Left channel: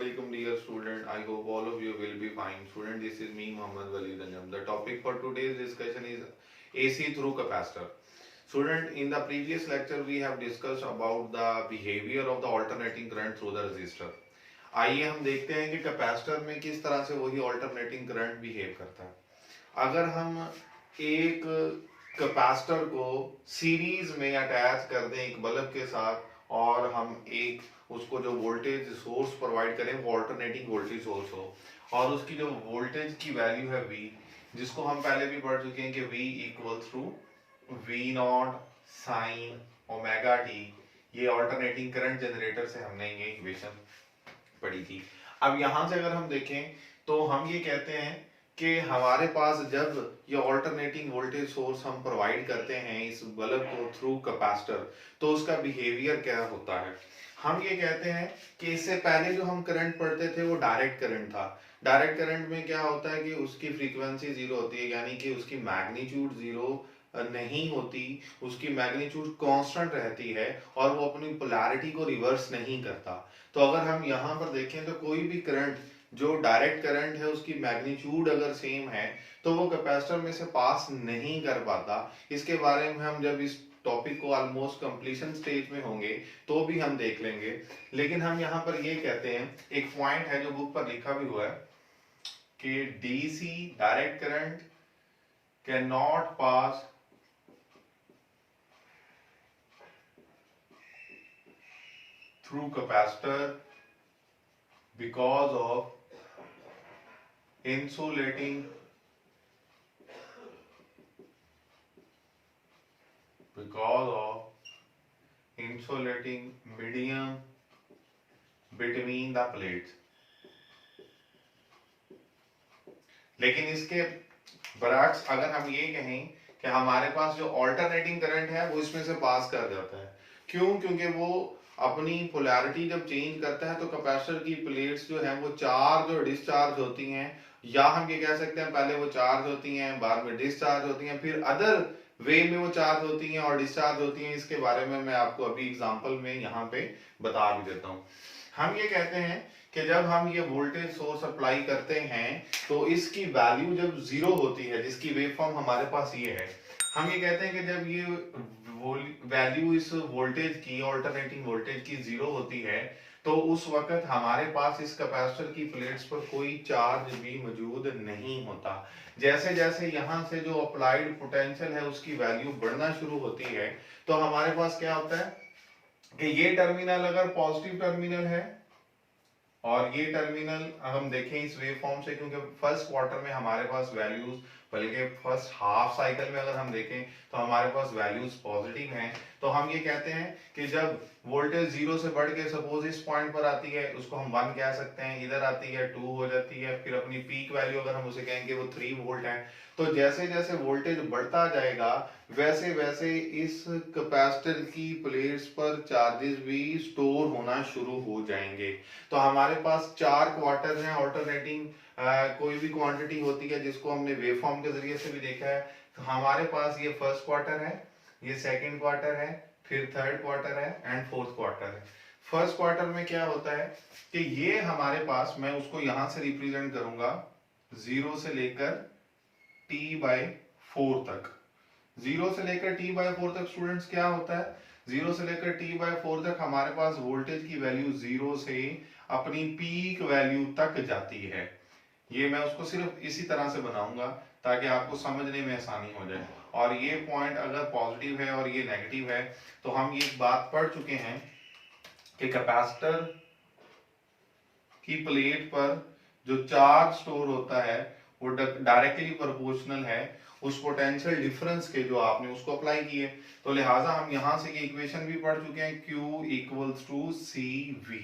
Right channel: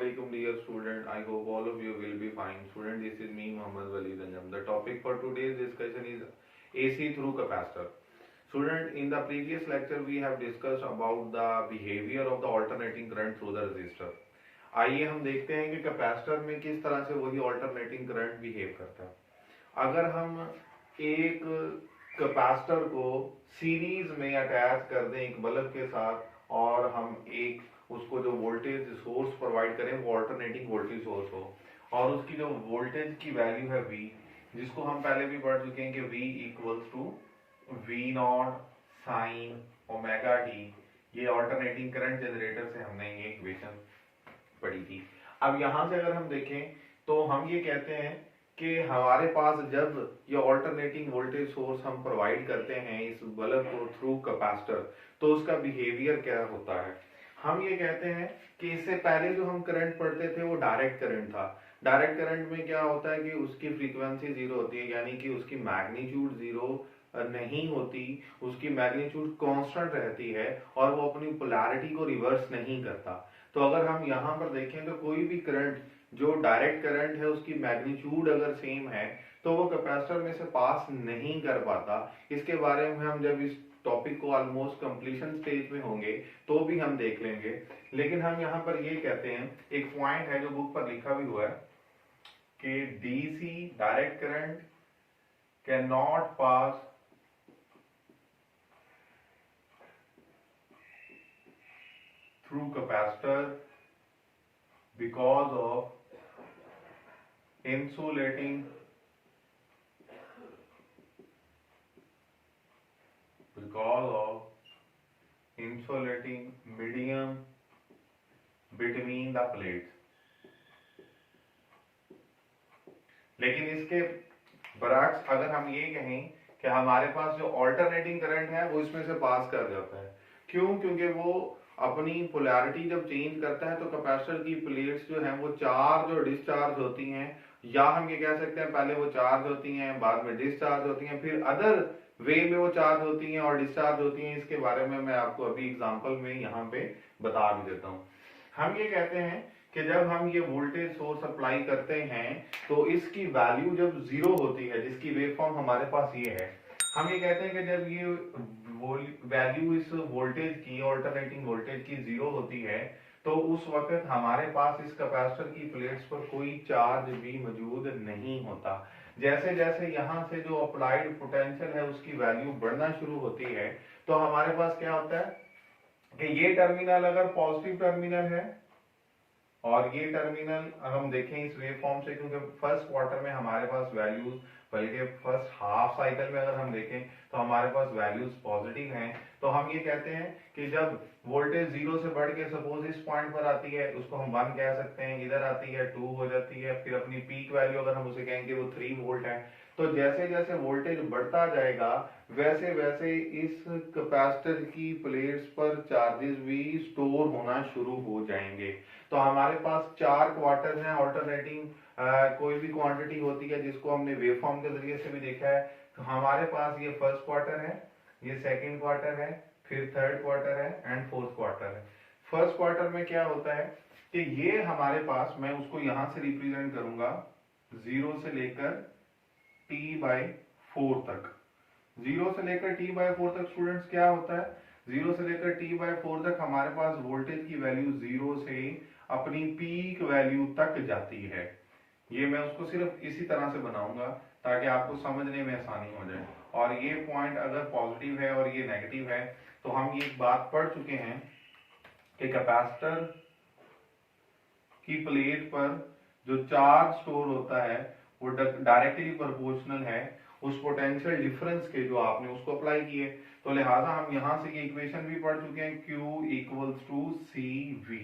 Assalamualaikum dear student. I hope all of you will be fine. Student, this is me Mohammad Wali Danjam. The topic for today's discussion is AC through capacitor. Student, in the previous lecture we have discussed about the behavior of the alternating current through the resistor. आइए हम देखते हैं कि capacitor में किस तरह से वही ऑल्टरनेटिंग करंट बिहेव करता है। अगर हम एक कैपेसिटर को सीरीज में अटैच कर दें एक बल्ब के साथ और हम एक उसको जो वोल्टेज सोर्स प्रोवाइड करें वो ऑल्टरनेटिंग वोल्टेज सोर्स हो और उसकी जो वोल्टेज की वैल्यू है V, जिसको हम पहले भी पढ़ चुके हैं कि V equals to V not sine omega T. ये ऑल्टरनेटिंग करंट जनरेटर से हमने ये इक्वेशन पढ़ी थी। अब यहां से अगर हम देखें तो हम ये कहते हैं कि हमारे पास जब ये ऑल्टरनेटिंग वोल्टेज सोर्स हम प्रोवाइड करते हैं इस बल्ब को थ्रू कैपेसिटर, तो उसका बिहेवियर क्या होता है। हम ये कहते हैं कि इससे पहले जो हम करंट पढ़ते थे वो डायरेक्ट करंट था। डायरेक्ट करंट में क्या होता है कि उसकी फ्रीक्वेंसी जीरो होती है, यानी कि उसकी मैग्नीट्यूड जीरो नहीं होती, उसकी मैग्नीट्यूड कांस्टेंट रहती है और वो अपनी पोलैरिटी को रिवर्स नहीं करता। तो अगर हम यहाँ पर देखें तो कोई भी करंट जो डायरेक्ट करंट है उसकी मैग्नीट्यूड अगर सेम है तो वो कैपेसिटर में से पास नहीं कर पाता। इसके बारे में हम जब इस टॉपिक को ऑलमोस्ट कंप्लीशन स्टेज में होंगे तो भी हम देख लेंगे। लेकिन हम यहाँ पर ये कहते हैं, एक पॉइंट है जो बुक पर लिखा भी हुआ है कि DC direct current can not pass through capacitor because of insulating medium between the plates। लेकिन इसके बरअक्स अगर हम ये कहें कि हमारे पास जो ऑल्टरनेटिंग करंट है वो इसमें से पास कर जाता है। क्यों? क्योंकि वो अपनी पोलैरिटी जब चेंज करता है तो कैपेसिटर की प्लेट्स जो हैं वो चार्ज और डिस्चार्ज होती हैं, या हम ये कह सकते हैं पहले वो चार्ज होती हैं बाद में डिस्चार्ज होती हैं, फिर अदर वे में वो चार्ज होती हैं और डिस्चार्ज होती हैं। इसके बारे में मैं आपको अभी एग्जांपल में यहाँ पे बता भी देता हूँ। हम ये कहते हैं कि जब हम ये वोल्टेज सोर्स अप्लाई करते हैं तो इसकी वैल्यू जब जीरो होती है, जिसकी वेवफॉर्म हमारे पास ये है, हम ये कहते हैं कि जब ये वैल्यू इस वोल्टेज की ऑल्टरनेटिंग वोल्टेज की जीरो होती है तो उस वक्त हमारे पास इस कैपेसिटर की प्लेट्स पर कोई चार्ज भी मौजूद नहीं होता। जैसे जैसे यहाँ से जो अप्लाइड पोटेंशियल है उसकी वैल्यू बढ़ना शुरू होती है तो हमारे पास क्या होता है कि ये टर्मिनल अगर पॉजिटिव टर्मिनल है और ये टर्मिनल हम देखें इस वेव फॉर्म से, क्योंकि फर्स्ट क्वार्टर में हमारे पास वैल्यूज, बल्कि फर्स्ट हाफ साइकिल में अगर हम देखें तो हमारे पास वैल्यूज पॉजिटिव हैं, तो हम ये कहते हैं कि जब वोल्टेज जीरो से बढ़ के सपोज इस पॉइंट पर आती है उसको हम 1 कह सकते हैं, इधर आती है 2 हो जाती है, फिर अपनी पीक वैल्यू अगर हम उसे कहेंगे वो 3 वोल्ट है। तो जैसे जैसे वोल्टेज बढ़ता जाएगा वैसे वैसे इस कैपेसिटर की प्लेट्स पर चार्जेस भी स्टोर होना शुरू हो जाएंगे। तो हमारे पास 4 क्वार्टर हैं ऑल्टरनेटिंग कोई भी क्वांटिटी होती है जिसको हमने वेवफॉर्म के जरिए से भी देखा है। तो हमारे पास ये फर्स्ट क्वार्टर है, ये सेकंड क्वार्टर है, फिर थर्ड क्वार्टर है एंड फोर्थ क्वार्टर है। फर्स्ट क्वार्टर में क्या होता है कि ये हमारे पास, मैं उसको यहां से रिप्रेजेंट करूंगा 0 से लेकर T/4 तक। 0 से लेकर T/4 तक स्टूडेंट्स क्या होता है, 0 से लेकर T/4 तक हमारे पास वोल्टेज की वैल्यू 0 से अपनी पीक वैल्यू तक जाती है। ये मैं उसको सिर्फ इसी तरह से बनाऊंगा ताकि आपको समझने में आसानी हो जाए। और ये पॉइंट अगर पॉजिटिव है और ये नेगेटिव है तो हम ये बात पढ़ चुके हैं कि कैपेसिटर की प्लेट पर जो चार्ज स्टोर होता है वो डायरेक्टली प्रोपोर्शनल है उस पोटेंशियल डिफरेंस के जो आपने उसको अप्लाई किए। तो लिहाजा हम यहां से ये इक्वेशन भी पढ़ चुके हैं, Q इक्वल्स टू CV।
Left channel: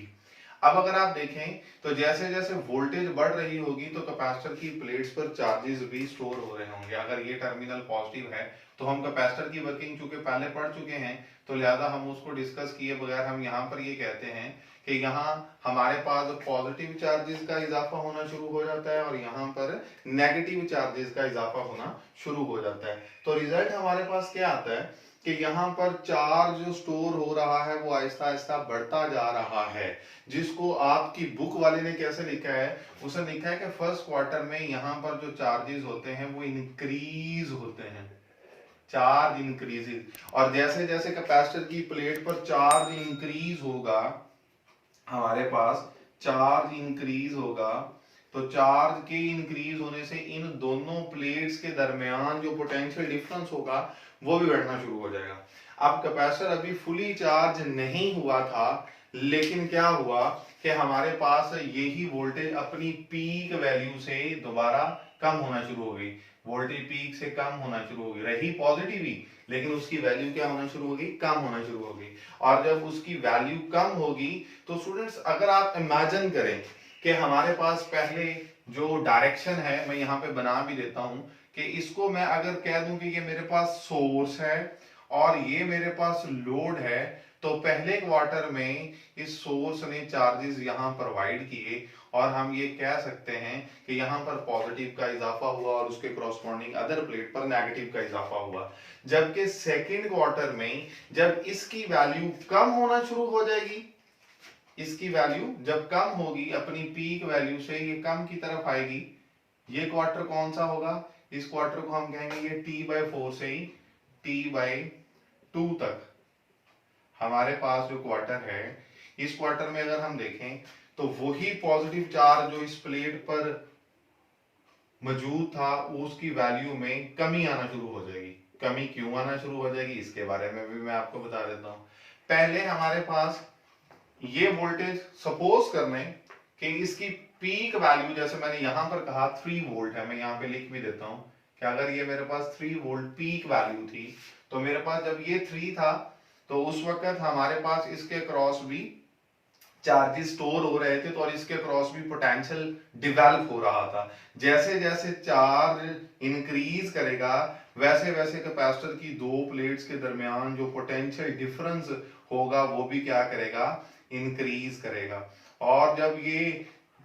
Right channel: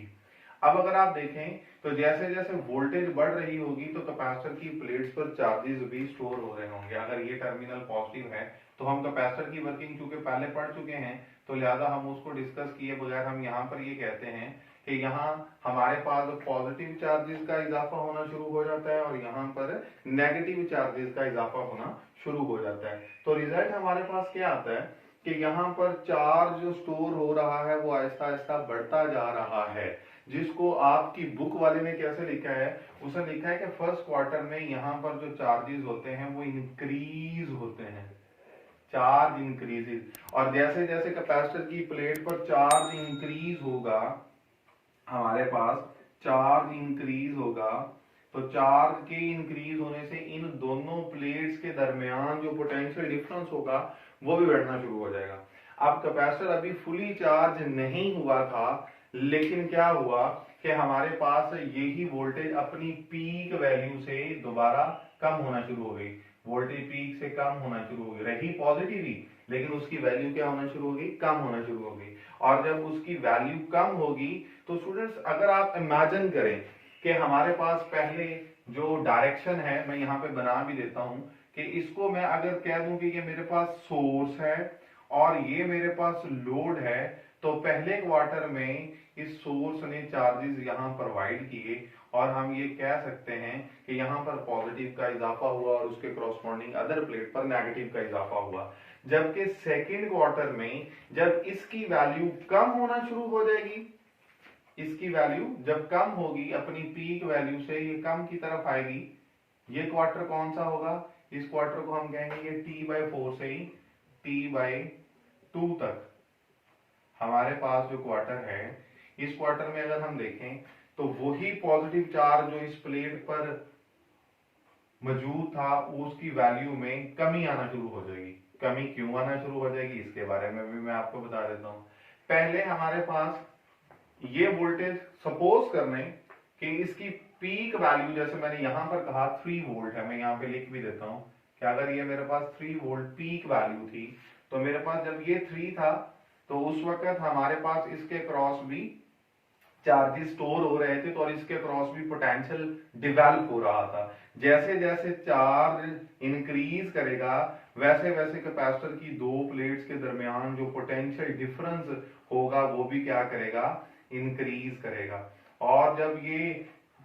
अब अगर आप देखें तो जैसे जैसे वोल्टेज बढ़ रही होगी तो कैपेसिटर की प्लेट्स पर चार्जेस भी स्टोर हो रहे होंगे। अगर ये टर्मिनल पॉजिटिव है तो हम कैपेसिटर की वर्किंग चूंकि पहले पढ़ चुके हैं तो लिहाजा हम उसको डिस्कस किए बगैर हम यहाँ पर ये कहते हैं कि यहाँ हमारे पास पॉजिटिव चार्जेस का इजाफा होना शुरू हो जाता है और यहाँ पर नेगेटिव चार्जेस का इजाफा होना शुरू हो जाता है। तो रिजल्ट हमारे पास क्या आता है कि यहाँ पर चार्ज जो स्टोर हो रहा है वो आहिस्ता आहिस्ता बढ़ता जा रहा है, जिसको आपकी बुक वाले ने कैसे लिखा है, उसने लिखा है कि फर्स्ट क्वार्टर में यहाँ पर जो चार्जेस होते हैं वो इंक्रीज होते हैं, चार्ज इंक्रीजेज। और जैसे जैसे कैपेसिटर की प्लेट पर चार्ज इंक्रीज होगा, हमारे पास चार्ज इंक्रीज होगा, तो चार्ज के इंक्रीज होने से इन दोनों प्लेट्स के दरमियान जो पोटेंशियल डिफरेंस होगा वो भी बढ़ना शुरू हो जाएगा। अब कैपेसिटर अभी फुली चार्ज नहीं हुआ था, लेकिन क्या हुआ कि हमारे पास यही वोल्टेज अपनी पीक वैल्यू से दोबारा कम होना शुरू हो गई, वोल्टेज पीक से कम होना शुरू हो गई, रही पॉजिटिव ही, लेकिन उसकी वैल्यू क्या होना शुरू हो गई, कम होना शुरू हो गई। और जब उसकी वैल्यू कम होगी तो स्टूडेंट्स अगर आप इमेजिन करें कि हमारे पास पहले जो डायरेक्शन है, मैं यहाँ पे बना भी देता हूं कि इसको मैं अगर कह दूं कि ये मेरे पास सोर्स है और ये मेरे पास लोड है, तो पहले क्वार्टर में इस सोर्स ने चार्जेस यहाँ प्रोवाइड किए और हम ये कह सकते हैं कि यहाँ पर पॉजिटिव का इजाफा हुआ और उसके कॉरस्पॉन्डिंग अदर प्लेट पर नेगेटिव का इजाफा हुआ। जबकि सेकेंड क्वार्टर में जब इसकी वैल्यू कम होना शुरू हो जाएगी, इसकी वैल्यू जब कम होगी अपनी पीक वैल्यू से, ये कम की तरफ आएगी, ये क्वार्टर कौन सा होगा, इस क्वार्टर को हम कहेंगे ये t/4 से ही t/2 तक हमारे पास जो क्वार्टर है, इस क्वार्टर में अगर हम देखें तो वही पॉजिटिव चार्ज जो इस प्लेट पर मौजूद था उसकी वैल्यू में कमी आना शुरू हो जाएगी। कमी क्यों आना शुरू हो जाएगी इसके बारे में भी मैं आपको बता देता हूं। पहले हमारे पास ये वोल्टेज सपोज करने कि इसकी पीक वैल्यू, जैसे मैंने यहां पर कहा 3 वोल्ट है, मैं यहां पे लिख भी देता हूं कि अगर ये मेरे पास 3 वोल्ट पीक वैल्यू थी, तो मेरे पास जब ये 3 था तो उस वक्त हमारे पास इसके क्रॉस भी चार्जेस स्टोर हो रहे थे, तो और इसके क्रॉस भी पोटेंशियल डेवलप हो रहा था। जैसे जैसे चार्ज इंक्रीज करेगा वैसे वैसे कैपेसिटर की दो प्लेट्स के दरमियान जो पोटेंशियल डिफरेंस होगा वो भी क्या करेगा, इंक्रीज करेगा। और जब ये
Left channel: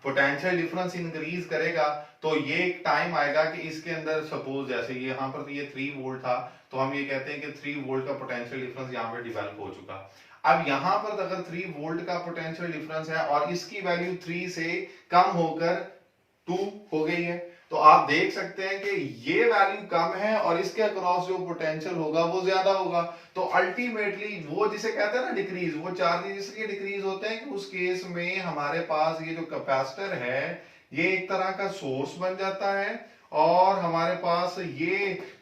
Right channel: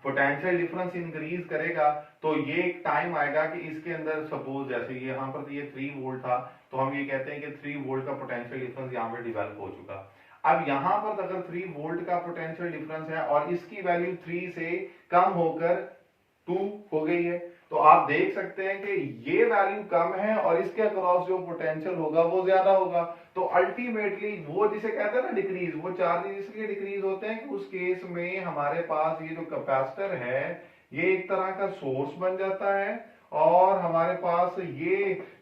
पोटेंशियल डिफरेंस इंक्रीज करेगा तो ये एक टाइम आएगा कि इसके अंदर सपोज जैसे यहाँ पर तो ये 3 वोल्ट था, तो हम ये कहते हैं कि 3 वोल्ट का पोटेंशियल डिफरेंस यहाँ पर डिवेलप हो चुका। अब यहां पर अगर 3 वोल्ट का पोटेंशियल डिफरेंस है और इसकी वैल्यू 3 से कम होकर 2 हो गई है, तो आप देख सकते हैं कि ये वैल्यू कम है और इसके अक्रॉस जो पोटेंशियल होगा वो ज्यादा होगा। तो अल्टीमेटली वो जिसे कहते हैं ना डिक्रीज, वो चार्जेस इसलिए डिक्रीज होते हैं कि उस केस में हमारे पास ये जो कैपेसिटर है ये एक तरह का सोर्स बन जाता है और हमारे पास ये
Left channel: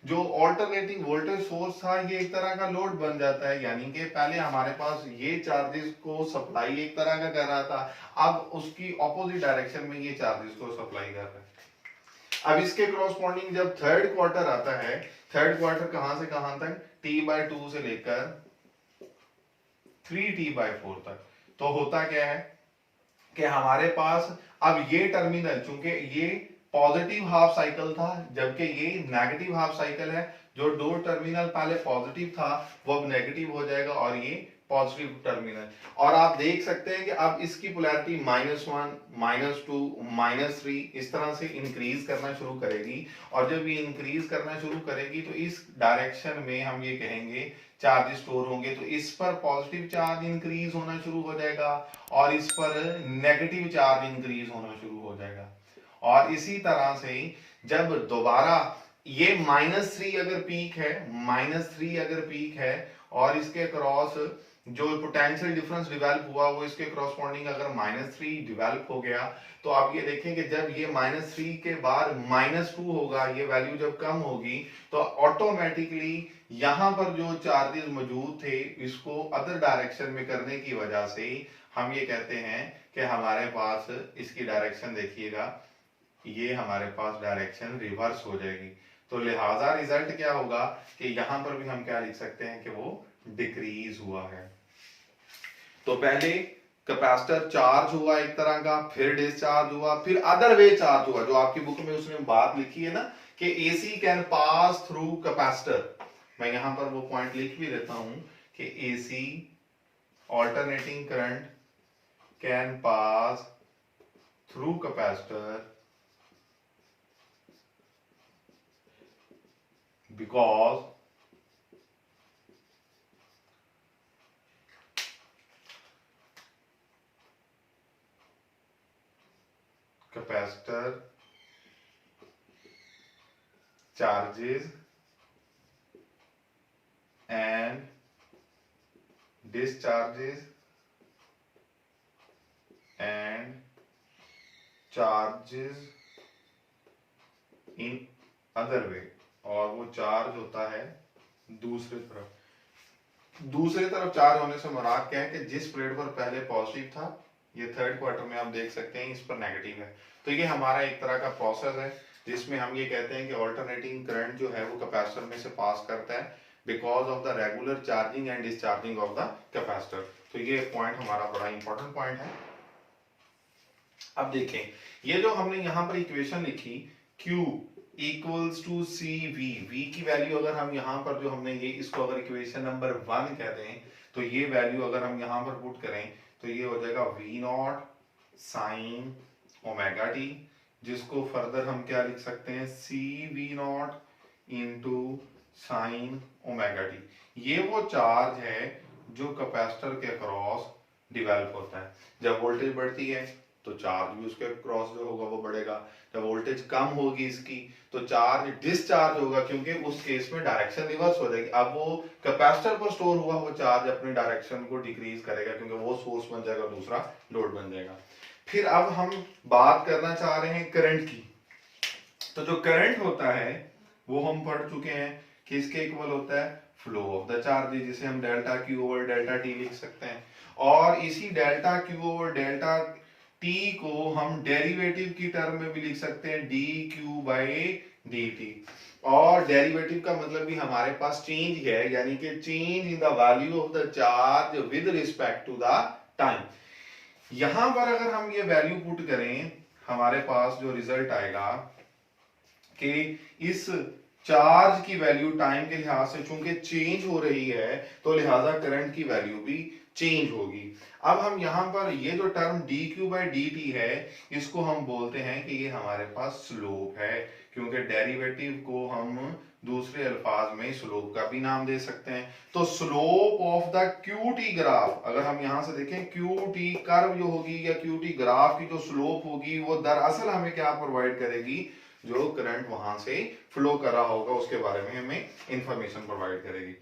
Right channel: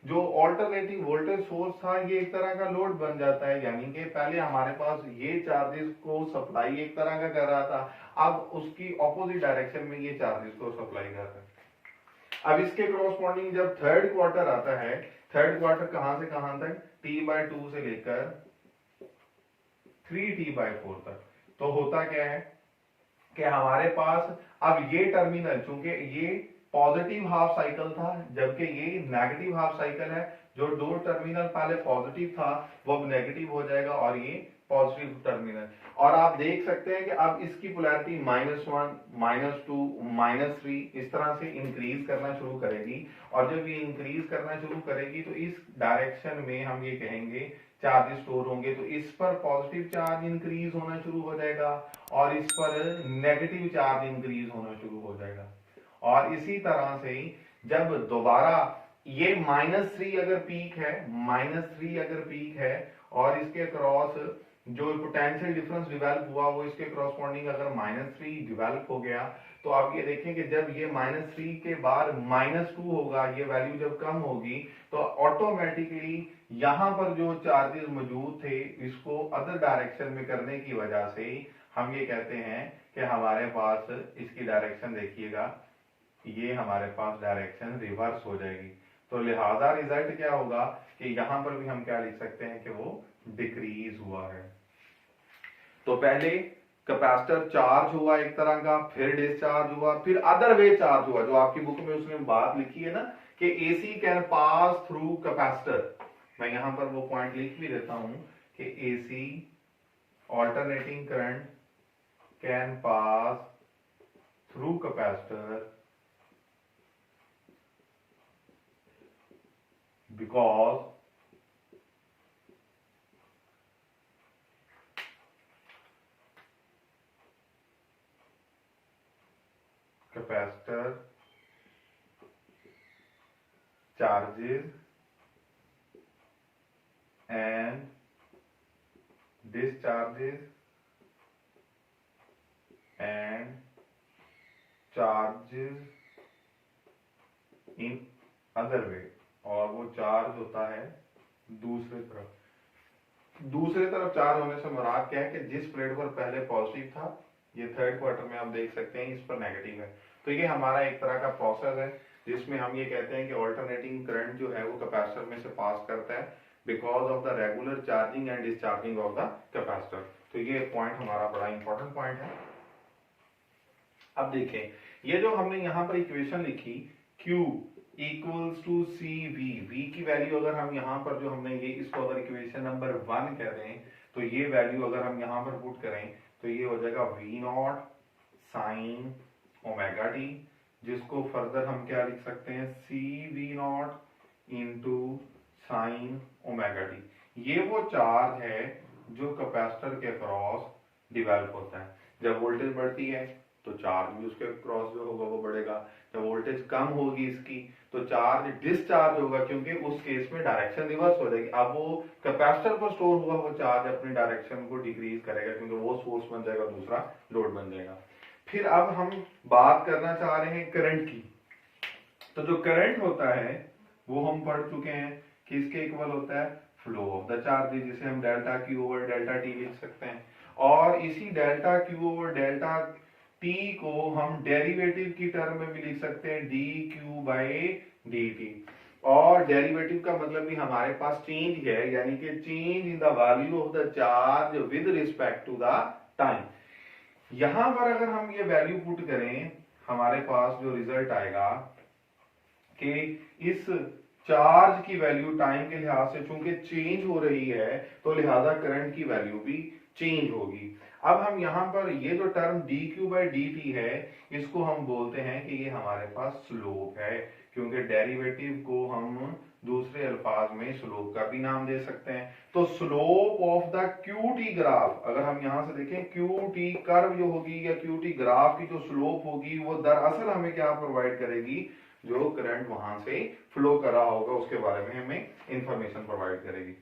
जो ऑल्टरनेटिंग वोल्टेज सोर्स था ये एक तरह का लोड बन जाता है। यानी कि पहले हमारे पास ये चार्जेस को सप्लाई एक तरह का कर रहा था, अब उसकी ऑपोजिट डायरेक्शन में ये चार्जेस को सप्लाई कर रहा है। अब इसके कॉरस्पॉन्डिंग जब थर्ड क्वार्टर आता है, थर्ड क्वार्टर कहां से कहां तक, t/2 से लेकर 3t/4 तक, तो होता क्या है कि हमारे पास अब ये टर्मिनल, चूंकि ये पॉजिटिव हाफ साइकिल था जबकि ये नेगेटिव हाफ साइकिल है, जो दो टर्मिनल पहले पॉजिटिव था वो अब नेगेटिव हो जाएगा और ये पॉजिटिव टर्मिनल। और आप देख सकते हैं कि अब इसकी पोलैरिटी -1 -2 -3 इस तरह से इंक्रीज करना शुरू करेगी। और जब ये इंक्रीज करना शुरू करेगी तो इस डायरेक्शन में हम ये कहेंगे चार्ज स्टोर होंगे, तो इस पर पॉजिटिव चार्ज इंक्रीज होना शुरू हो जाएगा और इस पर नेगेटिव चार्ज इंक्रीज होना शुरू हो जाएगा। और इसी तरह से जब दोबारा ये -3 अगर पीक है, -3 अगर पीक है और इसके क्रॉस जो पोटेंशियल डिफरेंस डिवेलप हुआ वो इसके क्रॉसपॉन्डिंग अगर -3 डिवेलप हो गया, तो आप ये देखें कि जब ये -3 के बाद -2 होगा, ये वैल्यू जब कम होगी तो ऑटोमेटिकली यहां पर जो चार्जेस मौजूद थे इसको अदर डायरेक्शन में करने की वजह से हम ये कहते हैं कि हमारे पास इसकी डायरेक्शन देखिएगा, ये हमारे पास डायरेक्शन रिवर्स हो जाएगी। तो लिहाजा रिजल्ट क्या होगा कि यहां पर भी हम क्या लिख सकते हैं कि वो डिक्रीज हुआ है। तो पहले कैपेसिटर चार्ज हुआ एक तरह का, फिर डिस्चार्ज हुआ, फिर अदर वे चार्ज हुआ, जो आपकी बुक में उसने बात लिखी है ना कि AC can pass through capacitor, मैं यहां पर वो पॉइंट लिख भी देता हूं कि AC alternating current can pass through capacitor because capacitor charges and discharges and charges in other way, और वो चार्ज होता है दूसरे तरफ चार्ज होने से मुराद क्या है कि जिस प्लेट पर पहले पॉजिटिव था, ये थर्ड क्वार्टर में आप देख सकते हैं इस पर नेगेटिव है। तो ये हमारा एक तरह का प्रोसेस है जिसमें हम ये कहते हैं कि ऑल्टरनेटिंग करंट जो है वो कैपेसिटर में से पास करता है because of the regular charging and discharging of the capacitor. तो ये पॉइंट हमारा बड़ा इंपॉर्टेंट पॉइंट है। अब देखें, ये जो हमने यहाँ पर इक्वेशन लिखी Q equals to C V, V की वैल्यू अगर हम यहाँ पर जो हमने ये इसको अगर इक्वेशन नंबर 1 कह दें तो ये वैल्यू अगर हम यहाँ पर पुट करें तो ये हो जाएगा V not sine omega T, जिसको फर्दर हम क्या लिख सकते हैं C V naught into sine omega T. ये वो चार्ज है जो कैपेसिटर के क्रॉस डिवेल्प होता है। जब वोल्टेज बढ़ती है तो चार्ज भी उसके क्रॉस जो होगा वो बढ़ेगा, जब वोल्टेज कम होगी इसकी तो चार्ज डिस्चार्ज होगा, क्योंकि उस केस में डायरेक्शन रिवर्स हो जाएगी। अब वो कैपेसिटर पर स्टोर हुआ वो चार्ज अपनी डायरेक्शन को डिक्रीज करेगा क्योंकि वो सोर्स बन जाएगा, दूसरा लोड बन जाएगा। फिर अब हम बात करना चाह रहे हैं करंट की। तो जो करंट होता है वो हम पढ़ चुके हैं कि इसके इक्वल होता है फ्लो ऑफ द चार्ज, जिसे हम delta Q over delta T लिख सकते हैं। और इसी delta Q over delta T को हम डेरिवेटिव की टर्म में भी लिख सकते हैं D Q by D T. और डेरिवेटिव का मतलब भी हमारे पास चेंज है, यानी कि change in the value of the charge with respect to the time. यहां पर अगर हम ये वैल्यू पुट करें हमारे पास जो रिजल्ट आएगा कि इस चार्ज की वैल्यू टाइम के लिहाज से चूंकि चेंज हो रही है तो लिहाजा करंट की वैल्यू भी चेंज होगी। अब हम यहां पर ये जो term D Q by D T है इसको हम बोलते हैं कि ये हमारे पास स्लोप है, क्योंकि डेरिवेटिव को हम दूसरे अल्फाज में स्लोप का भी नाम दे सकते हैं। तो slope of the Q T graph, अगर हम यहां से देखें क्यू टी कर्व जो होगी या क्यू टी ग्राफ की जो स्लोप होगी वो दरअसल हमें क्या प्रोवाइड करेगी, जो करंट वहां से फ्लो कर रहा होगा उसके बारे में हमें इंफॉर्मेशन प्रोवाइड करेगी।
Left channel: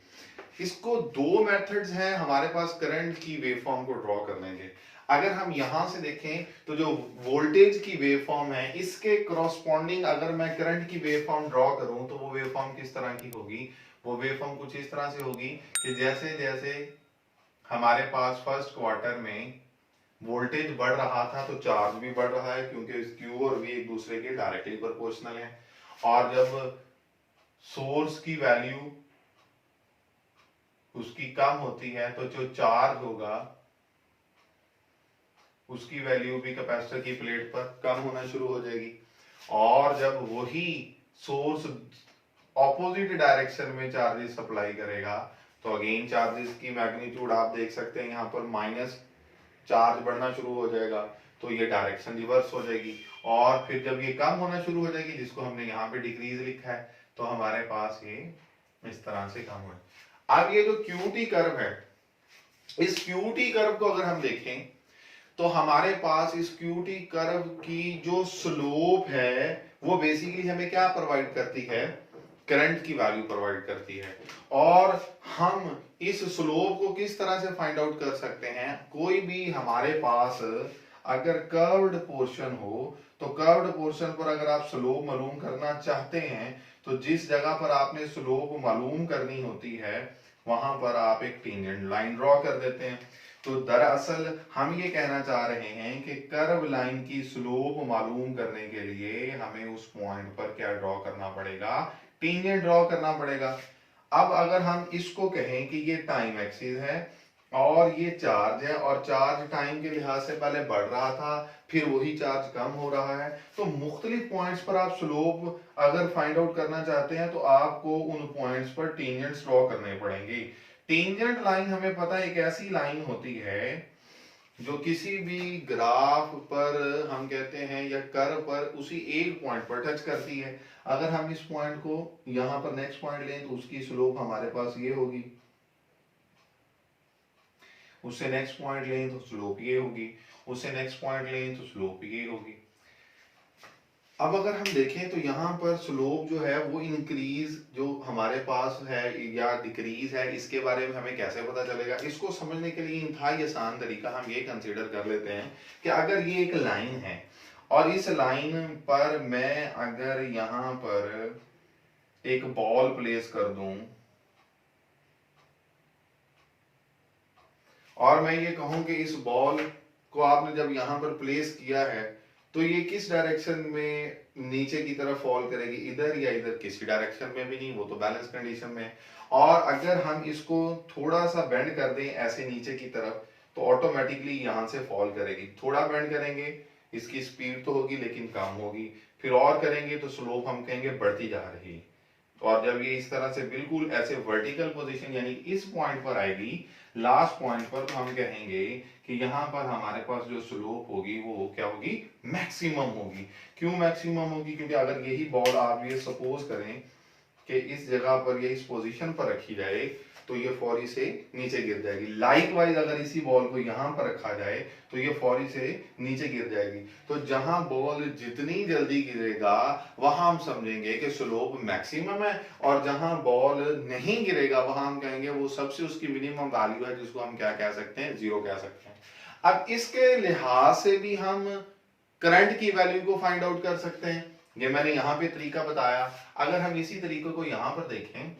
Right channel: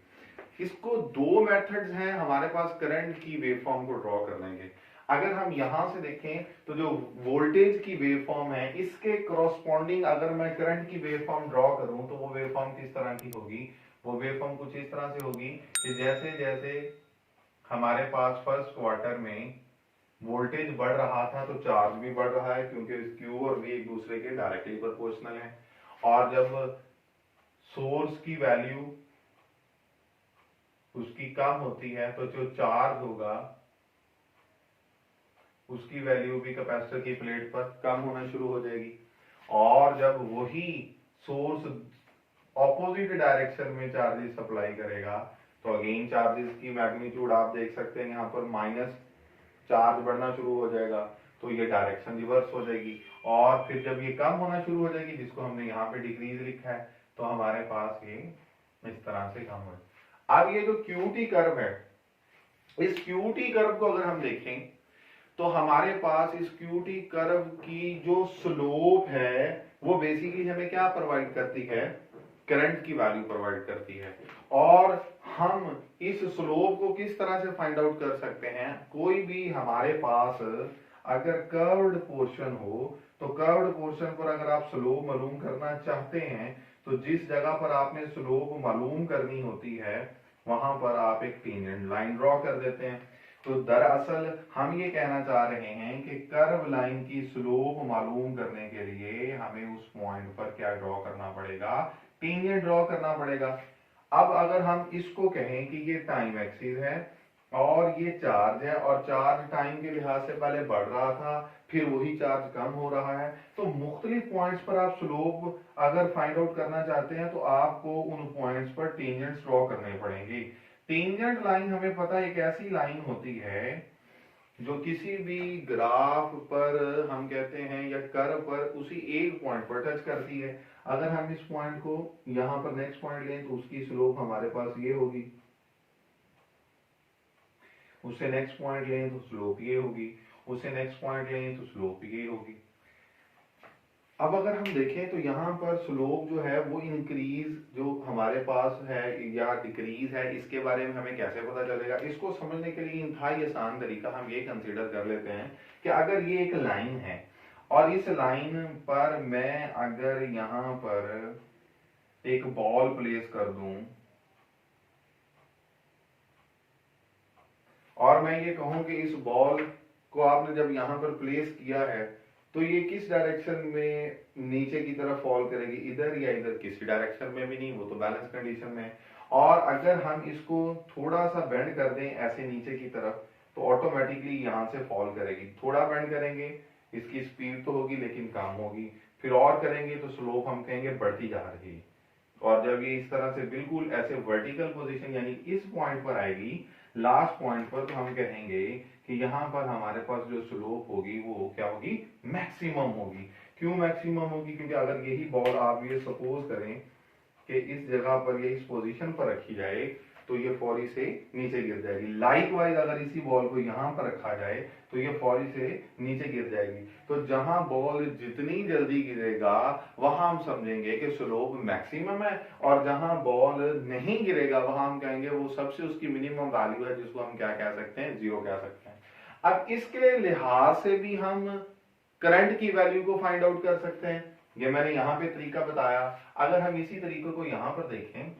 इसको दो मेथड्स हैं हमारे पास करंट की वेवफॉर्म को ड्रॉ करने के। अगर हम यहां से देखें तो जो वोल्टेज की वेवफॉर्म है इसके करस्पॉन्डिंग अगर मैं करंट की वेवफॉर्म ड्रॉ करूं तो वो वेवफॉर्म किस तरह की होगी, वो वेवफॉर्म कुछ इस तरह से होगी कि जैसे जैसे हमारे पास फर्स्ट क्वार्टर में वोल्टेज बढ़ रहा था तो चार्ज भी बढ़ रहा है, क्योंकि क्यू और वी एक दूसरे के डायरेक्टली प्रोपोर्शनल है। और जब सोर्स की वैल्यू उसकी कम होती है तो जो चार्ज होगा उसकी वैल्यू भी कैपेसिटर की प्लेट पर कम होना शुरू हो जाएगी। और जब वही सोर्स ऑपोजिट डायरेक्शन में चार्जेस सप्लाई करेगा तो अगेन चार्जेस की मैग्नीट्यूड आप देख सकते हैं, यहाँ पर माइनस चार्ज बढ़ना शुरू हो जाएगा तो ये डायरेक्शन रिवर्स हो जाएगी। और फिर जब ये कम होना शुरू हो जाएगी, जिसको हमने यहाँ पे डिक्रीज लिखा है, तो हमारे पास ये इस तरह से कम हो। अब ये जो क्यूटी कर्व है, इस क्यूटी कर्व को अगर हम देखें तो हमारे पास इस क्यूटी कर्व की जो स्लोप है वो बेसिकली हमें क्या प्रोवाइड करती है, करंट की वैल्यू प्रोवाइड करती है। और हम इस स्लोप को किस तरह से फाइंड आउट कर सकते हैं, कोई भी हमारे पास अगर कर्व्ड पोर्शन हो तो कर्व्ड पोर्शन पर अगर आप स्लोप मालूम करना चाहते हैं तो जिस जगह पर आपने स्लोप मालूम करनी होती है वहां पर आप एक टेंजेंट लाइन ड्रॉ कर देते हैं। तो दरअसल हम ये कहना चाह रहे हैं कि कर्व लाइन की स्लोप मालूम करने के लिए हमें उस पॉइंट पर क्या ड्रॉ करना पड़ेगा, टेंजेंट ड्रॉ करना पड़ेगा। अब अगर हम इसको कहें कि ये टाइम एक्सिस है और ये चार्ज है और चार्ज टाइम के लिहाज से पहले बढ़ रहा था फिर वही चार्ज कम हो रहा है, तो मुख्तलिफ पॉइंट्स पर आप स्लोप अगर फाइंड आउट करना चाहते हैं तो आपको उन पॉइंट्स पर टेंजेंट्स ड्रॉ करने पड़ेंगे। टेंजेंट लाइन हमें पता है एक ऐसी लाइन होती है जो किसी भी ग्राफ पर हम कहते हैं या कर्व पर उसी एक पॉइंट पर टच करती है। अगर हम इस पॉइंट को यहां पर नेक्स्ट पॉइंट लें तो उसकी स्लोप हमारे पास ये होगी, उससे नेक्स्ट पॉइंट लें तो स्लोप ये होगी, उससे नेक्स्ट पॉइंट लें तो स्लोप ये होगी। अब अगर हम देखें तो यहाँ पर स्लोप जो है वो इंक्रीज जो हमारे पास है या डिक्रीज है, इसके बारे में हमें कैसे पता चलेगा? इसको समझने के लिए इंतहाई आसान तरीका हम ये कंसीडर कर लेते हैं कि अगर ये एक लाइन है और इस लाइन पर मैं अगर यहाँ पर एक बॉल प्लेस कर दूं और मैं ये कहूं कि इस बॉल को आपने जब यहां पर प्लेस किया है तो ये किस डायरेक्शन में नीचे की तरफ फॉल करेगी, इधर या इधर? किसी डायरेक्शन में भी नहीं, वो तो बैलेंस कंडीशन में है। और अगर हम इसको थोड़ा सा बेंड कर दें ऐसे नीचे की तरफ तो ऑटोमेटिकली यहां से फॉल करेगी। थोड़ा बेंड करेंगे, इसकी स्पीड तो होगी लेकिन कम होगी, फिर और करेंगे तो स्लोप हम कहेंगे बढ़ती जा रही। और जब ये इस तरह से बिल्कुल ऐसे वर्टिकल पोजीशन यानी इस पॉइंट पर आएगी, लास्ट पॉइंट पर, तो हम कहेंगे कि यहाँ पर हमारे पास जो स्लोप होगी वो क्या होगी? मैक्सिमम होगी। क्यों मैक्सिमम होगी? क्योंकि अगर यही बॉल आप ये सपोज करें कि इस जगह पर ये इस पोजीशन पर रखी जाए तो ये फौरी से नीचे गिर जाएगी। लाइकवाइज अगर इसी बॉल को यहाँ पर रखा जाए तो ये फौरी से नीचे गिर जाएगी। तो जहां बॉल जितनी जल्दी गिरेगा वहां हम समझेंगे कि स्लोप मैक्सिमम है, और जहां बॉल नहीं गिरेगा वहां हम कहेंगे वो सबसे उसकी मिनिमम वैल्यू है, जिसको हम क्या कह सकते हैं? जीरो कह सकते हैं। अब इसके लिहाज से भी हम करंट की वैल्यू को फाइंड आउट कर सकते हैं। ये मैंने यहाँ पे तरीका बताया। अगर हम इसी तरीके को यहाँ पर देखें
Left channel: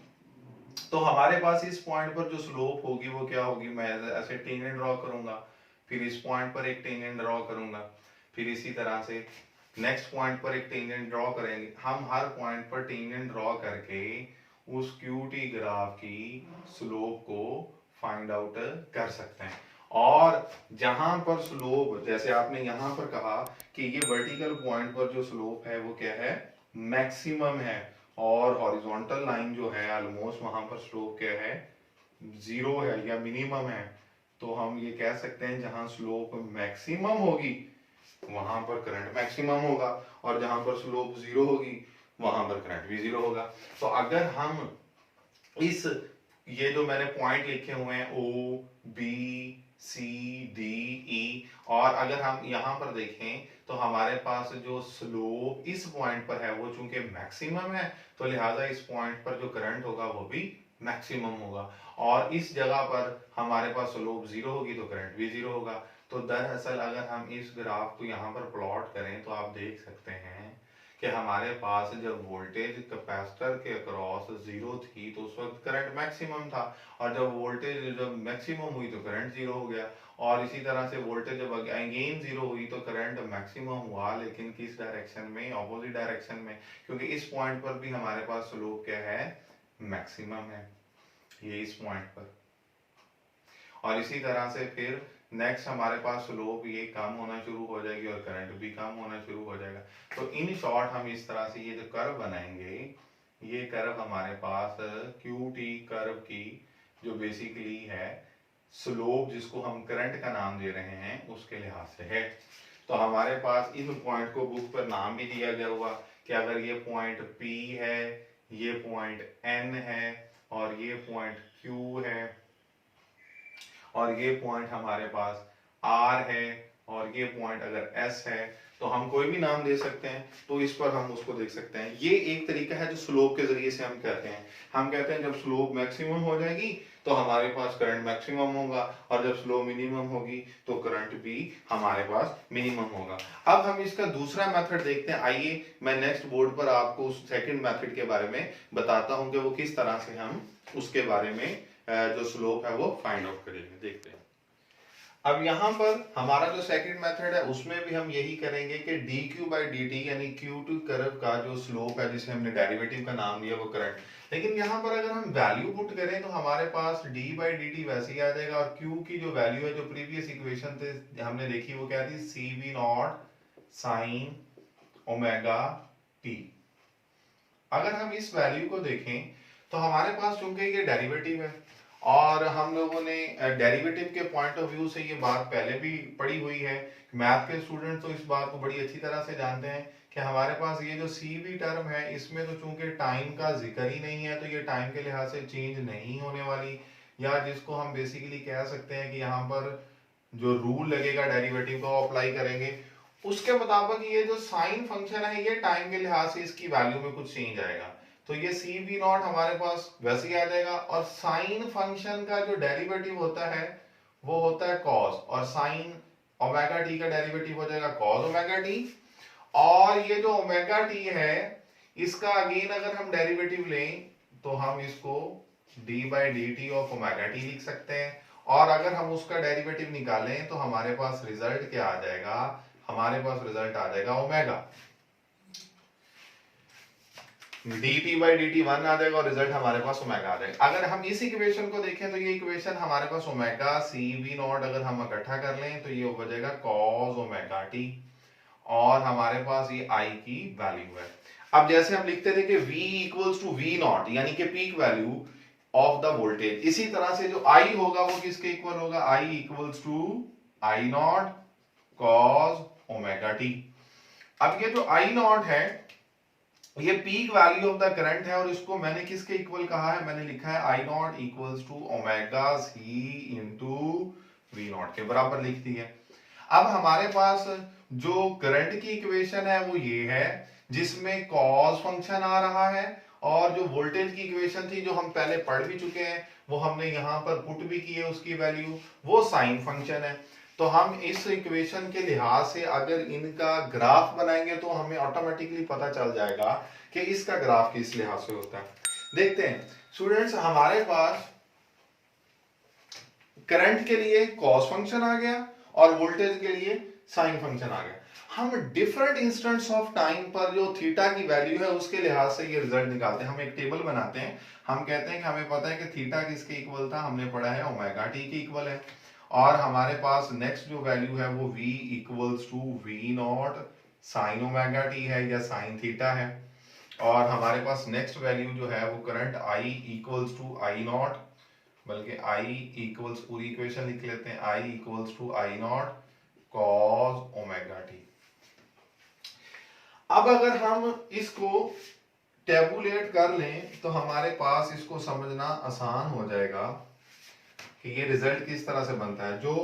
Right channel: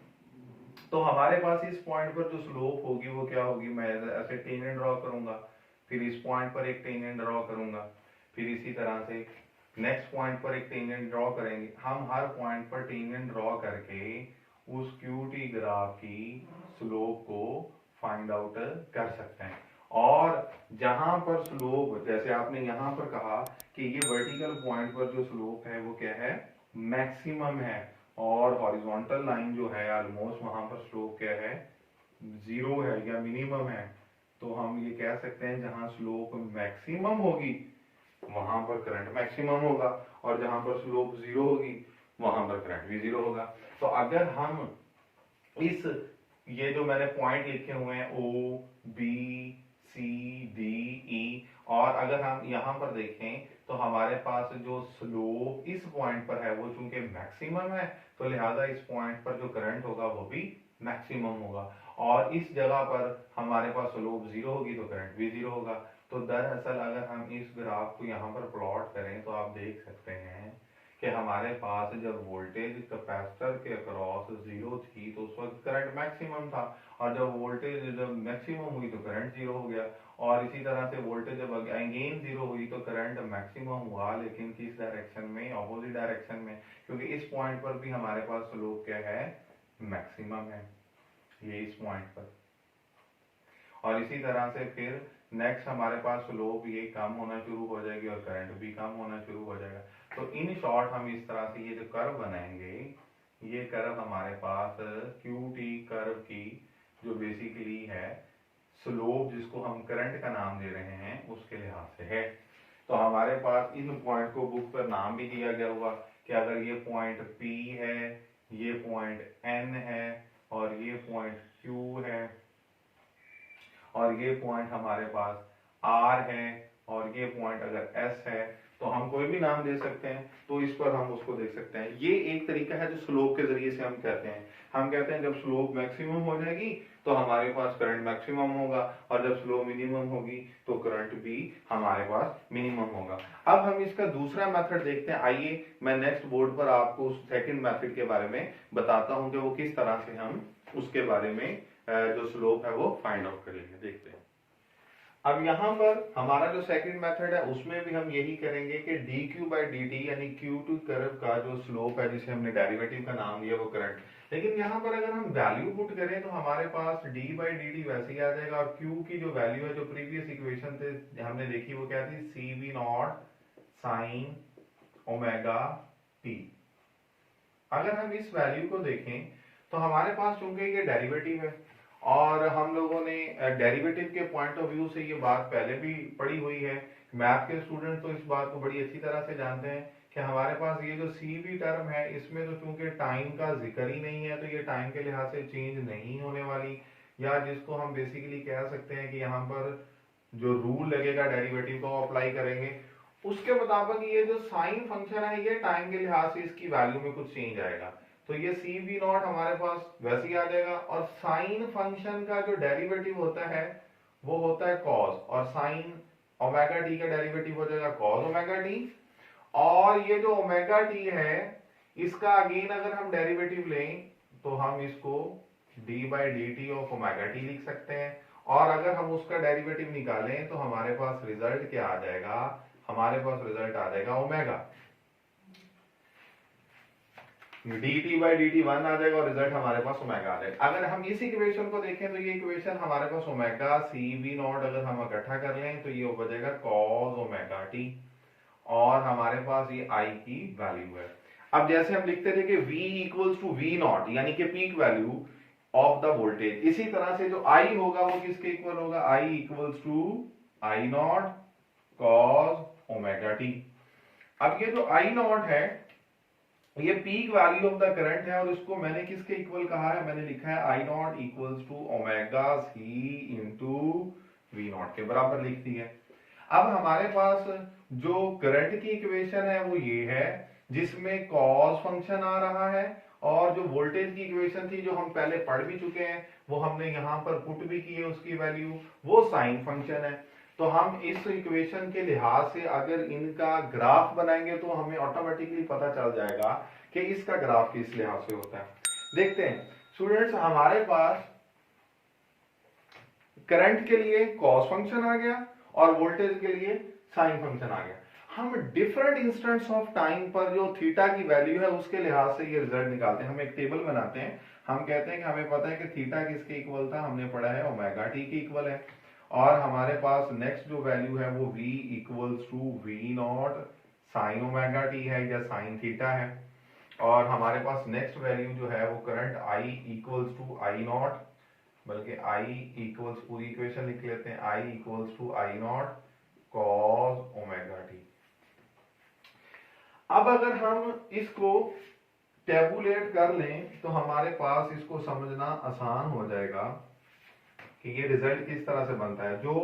तो हमारे पास इस पॉइंट पर जो स्लोप होगी वो क्या होगी? मैं ऐसे टेंजेंट ड्रॉ करूंगा, फिर इस पॉइंट पर एक टेंजेंट ड्रॉ करूंगा, फिर इसी तरह से नेक्स्ट पॉइंट पर एक टेंजेंट ड्रॉ करेंगे। हम हर पॉइंट पर टेंजेंट ड्रॉ करके उस क्यूटी ग्राफ की स्लोप को फाइंड आउट कर सकते हैं। और जहां पर स्लोप, जैसे आपने यहां पर कहा कि ये वर्टिकल पॉइंट पर जो स्लोप है वो क्या है? मैक्सिमम है। और हॉरिजॉन्टल लाइन जो है ऑलमोस्ट वहां पर स्लोप क्या है? जीरो है या मिनिमम है। तो हम ये कह सकते हैं जहां स्लोप मैक्सिमम होगी वहां पर करंट मैक्सिमम होगा, और जहां पर स्लोप जीरो होगी वहां पर करंट भी जीरो होगा। तो अगर हम इस ये जो मैंने पॉइंट लिखे हुए हैं O B C D E, और अगर हम यहाँ पर देखें तो हमारे पास जो स्लोप इस पॉइंट पर है वो चूंकि मैक्सिमम है तो लिहाजा इस पॉइंट पर जो करंट होगा वो भी मैक्सिमम होगा। और इस जगह पर हमारे पास स्लोप जीरो होगी तो करंट भी जीरो होगा। तो दरअसल अगर हम इस ग्राफ को यहाँ पर प्लॉट करें तो आप देख सकते हैं कि हमारे पास जब वोल्टेज कैपेसिटर के अक्रॉस जीरो थी तो उस वक्त करंट मैक्सिमम था, और जब वोल्टेज जब मैक्सिमम हुई तो करंट जीरो हो गया। और इसी तरह से वोल्टेज जब अगेन जीरो हुई तो करंट मैक्सिमम हुआ, लेकिन किस डायरेक्शन में? ऑपोजिट डायरेक्शन में, क्योंकि इस पॉइंट पर भी हमारे पास स्लोप क्या है? मैक्सिमम है, ये इस पॉइंट पर। और इसी तरह से फिर नेक्स्ट हमारे पास स्लोप ये कम होना शुरू हो जाएगी और करंट भी कम होना शुरू हो जाएगा। तो इन शॉर्ट हम इस तरह से ये जो कर्व बनाएंगे, ये कर्व हमारे पास क्यू टी कर्व की जो बेसिकली है स्लोप, जिसको हम करंट का नाम दे रहे हैं, उसके लिहाज से है। तो हमारे पास इन पॉइंट को बुक पर नाम भी दिया गया हुआ कि अगर ये पॉइंट P है, ये पॉइंट N है, और ये पॉइंट Q है, और ये पॉइंट हमारे पास R है, और ये पॉइंट अगर S है, तो हम कोई भी नाम दे सकते हैं। तो इस पर हम उसको देख सकते हैं। ये एक तरीका है जो स्लोप के जरिए से हम कहते हैं। हम कहते हैं जब स्लोप मैक्सिमम हो जाएगी तो हमारे पास करंट मैक्सिमम होगा, और जब स्लोप मिनिमम होगी तो करंट भी हमारे पास मिनिमम होगा। अब हम इसका दूसरा मेथड देखते हैं। आइए मैं नेक्स्ट बोर्ड पर आपको उस सेकंड मेथड के बारे में बताता हूं कि वो किस तरह से हम उसके बारे में जो स्लोप है वो फाइंड आउट करेंगे। देखते हैं। अब यहाँ पर हमारा जो सेकंड मेथड है उसमें भी हम यही करेंगे कि D Q by D T यानी क्यू टू कर्व का जो स्लोप है, जिसे हमने डेरिवेटिव का नाम दिया, वो करंट। लेकिन यहाँ पर अगर हम वैल्यू पुट करें तो हमारे पास डी बाई डी टी वैसे ही आ जाएगा, और क्यू की जो वैल्यू है जो प्रीवियस इक्वेशन थे हमने देखी वो क्या थी? C V not sine omega T. अगर हम इस वैल्यू को देखें तो हमारे पास चूंकि ये डेरिवेटिव है, और हम लोगों ने डेरिवेटिव के पॉइंट ऑफ व्यू से ये बात पहले भी पढ़ी हुई है। मैथ के स्टूडेंट तो इस बात को बड़ी अच्छी तरह से जानते हैं कि हमारे पास ये जो सी बी टर्म है इसमें तो चूंकि टाइम का जिक्र ही नहीं है, तो ये टाइम के लिहाज से चेंज नहीं होने वाली, या जिसको हम बेसिकली कह सकते हैं कि यहाँ पर जो रूल लगेगा डेरिवेटिव का अप्लाई करेंगे, उसके मुताबिक ये जो साइन फंक्शन है ये टाइम के लिहाज से इसकी वैल्यू में कुछ चेंज आएगा, तो ये सी बी नॉट हमारे पास वैसे ही आ जाएगा। और साइन फंक्शन का जो डेरिवेटिव होता है वो होता है कॉस, और साइन ओमेगा टी का डेरिवेटिव हो जाएगा कॉस ओमेगा टी। और ये जो ओमेगा टी है इसका अगेन अगर हम डेरिवेटिव लें तो हम इसको D by D T of omega T लिख सकते हैं, और अगर हम उसका डेरिवेटिव निकालें तो हमारे पास रिजल्ट क्या आ जाएगा, हमारे पास रिजल्ट आ जाएगा omega D T by D T one आ जाएगा, और रिजल्ट हमारे पास ओमेगा आ जाएगा। अगर हम इस इक्वेशन को देखें तो ये इक्वेशन हमारे पास ओमेगा सी बी नॉट अगर हम इकट्ठा कर लें तो ये हो जाएगा कॉस ओमेगा टी, और हमारे पास ये आई की वैल्यू है। अब जैसे हम लिखते थे कि V equals to V not यानी कि peak value of the voltage, इसी तरह से जो I होगा वो किसके इक्वल होगा, I equals to I not cos omega T. अब ये जो आई नॉट है ये peak value of the current है, और इसको मैंने किसके इक्वल कहा है, मैंने लिखा है I naught equals to omega C into V naught के बराबर लिख दी है। अब हमारे पास जो करंट की इक्वेशन है वो ये है जिसमें कॉस फंक्शन आ रहा है, और जो वोल्टेज की इक्वेशन थी जो हम पहले पढ़ भी चुके हैं वो हमने यहां पर पुट भी की है उसकी वैल्यू, वो साइन फंक्शन है। तो हम इस इक्वेशन के लिहाज से अगर इनका ग्राफ बनाएंगे तो हमें ऑटोमेटिकली पता चल जाएगा कि इसका ग्राफ किस लिहाज से होता है। देखते हैं स्टूडेंट्स, हमारे पास करंट के लिए कॉस फंक्शन आ गया और वोल्टेज के लिए साइन फंक्शन आ गया। हम डिफरेंट इंस्टेंट्स ऑफ टाइम पर जो थीटा की वैल्यू है उसके लिहाज से ये रिजल्ट निकालते हैं। हम एक टेबल बनाते हैं, हम कहते हैं कि हमें पता है कि थीटा किसके इक्वल था, हमने पढ़ा है ओमेगा टी के इक्वल है, और हमारे पास नेक्स्ट जो वैल्यू है वो v equals to V not sine omega T है या साइन थीटा है, और हमारे पास नेक्स्ट वैल्यू जो है वो current I equals to I not, बल्कि I इक्वल्स पूरी इक्वेशन लिख लेते हैं, I equals to I not cos omega T. अब अगर हम इसको टेबुलेट कर लें तो हमारे पास इसको समझना आसान हो जाएगा कि ये रिजल्ट किस तरह से बनता है। जो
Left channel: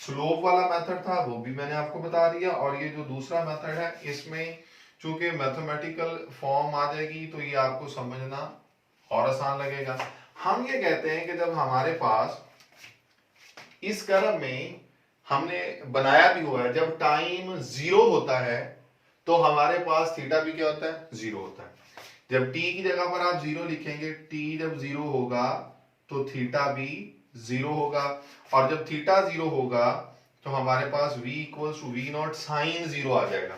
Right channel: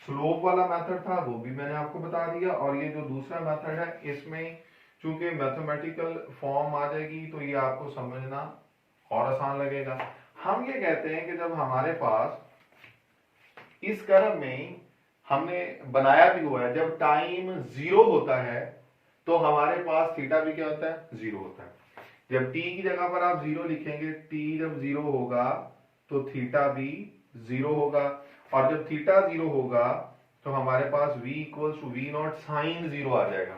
स्लोप वाला मेथड था वो भी मैंने आपको बता दिया, और ये जो दूसरा मेथड है इसमें चूंकि मैथमेटिकल फॉर्म आ जाएगी तो ये आपको समझना और आसान लगेगा। हम ये कहते हैं कि जब हमारे पास इस कर्व में हमने बनाया भी हुआ है, जब टाइम जीरो होता है तो हमारे पास थीटा भी क्या होता है, जीरो होता है। जब t की जगह पर आप जीरो लिखेंगे, t जब जीरो होगा तो थीटा भी जीरो होगा, और जब थीटा जीरो होगा तो हमारे पास v equals to V not sine zero आ जाएगा,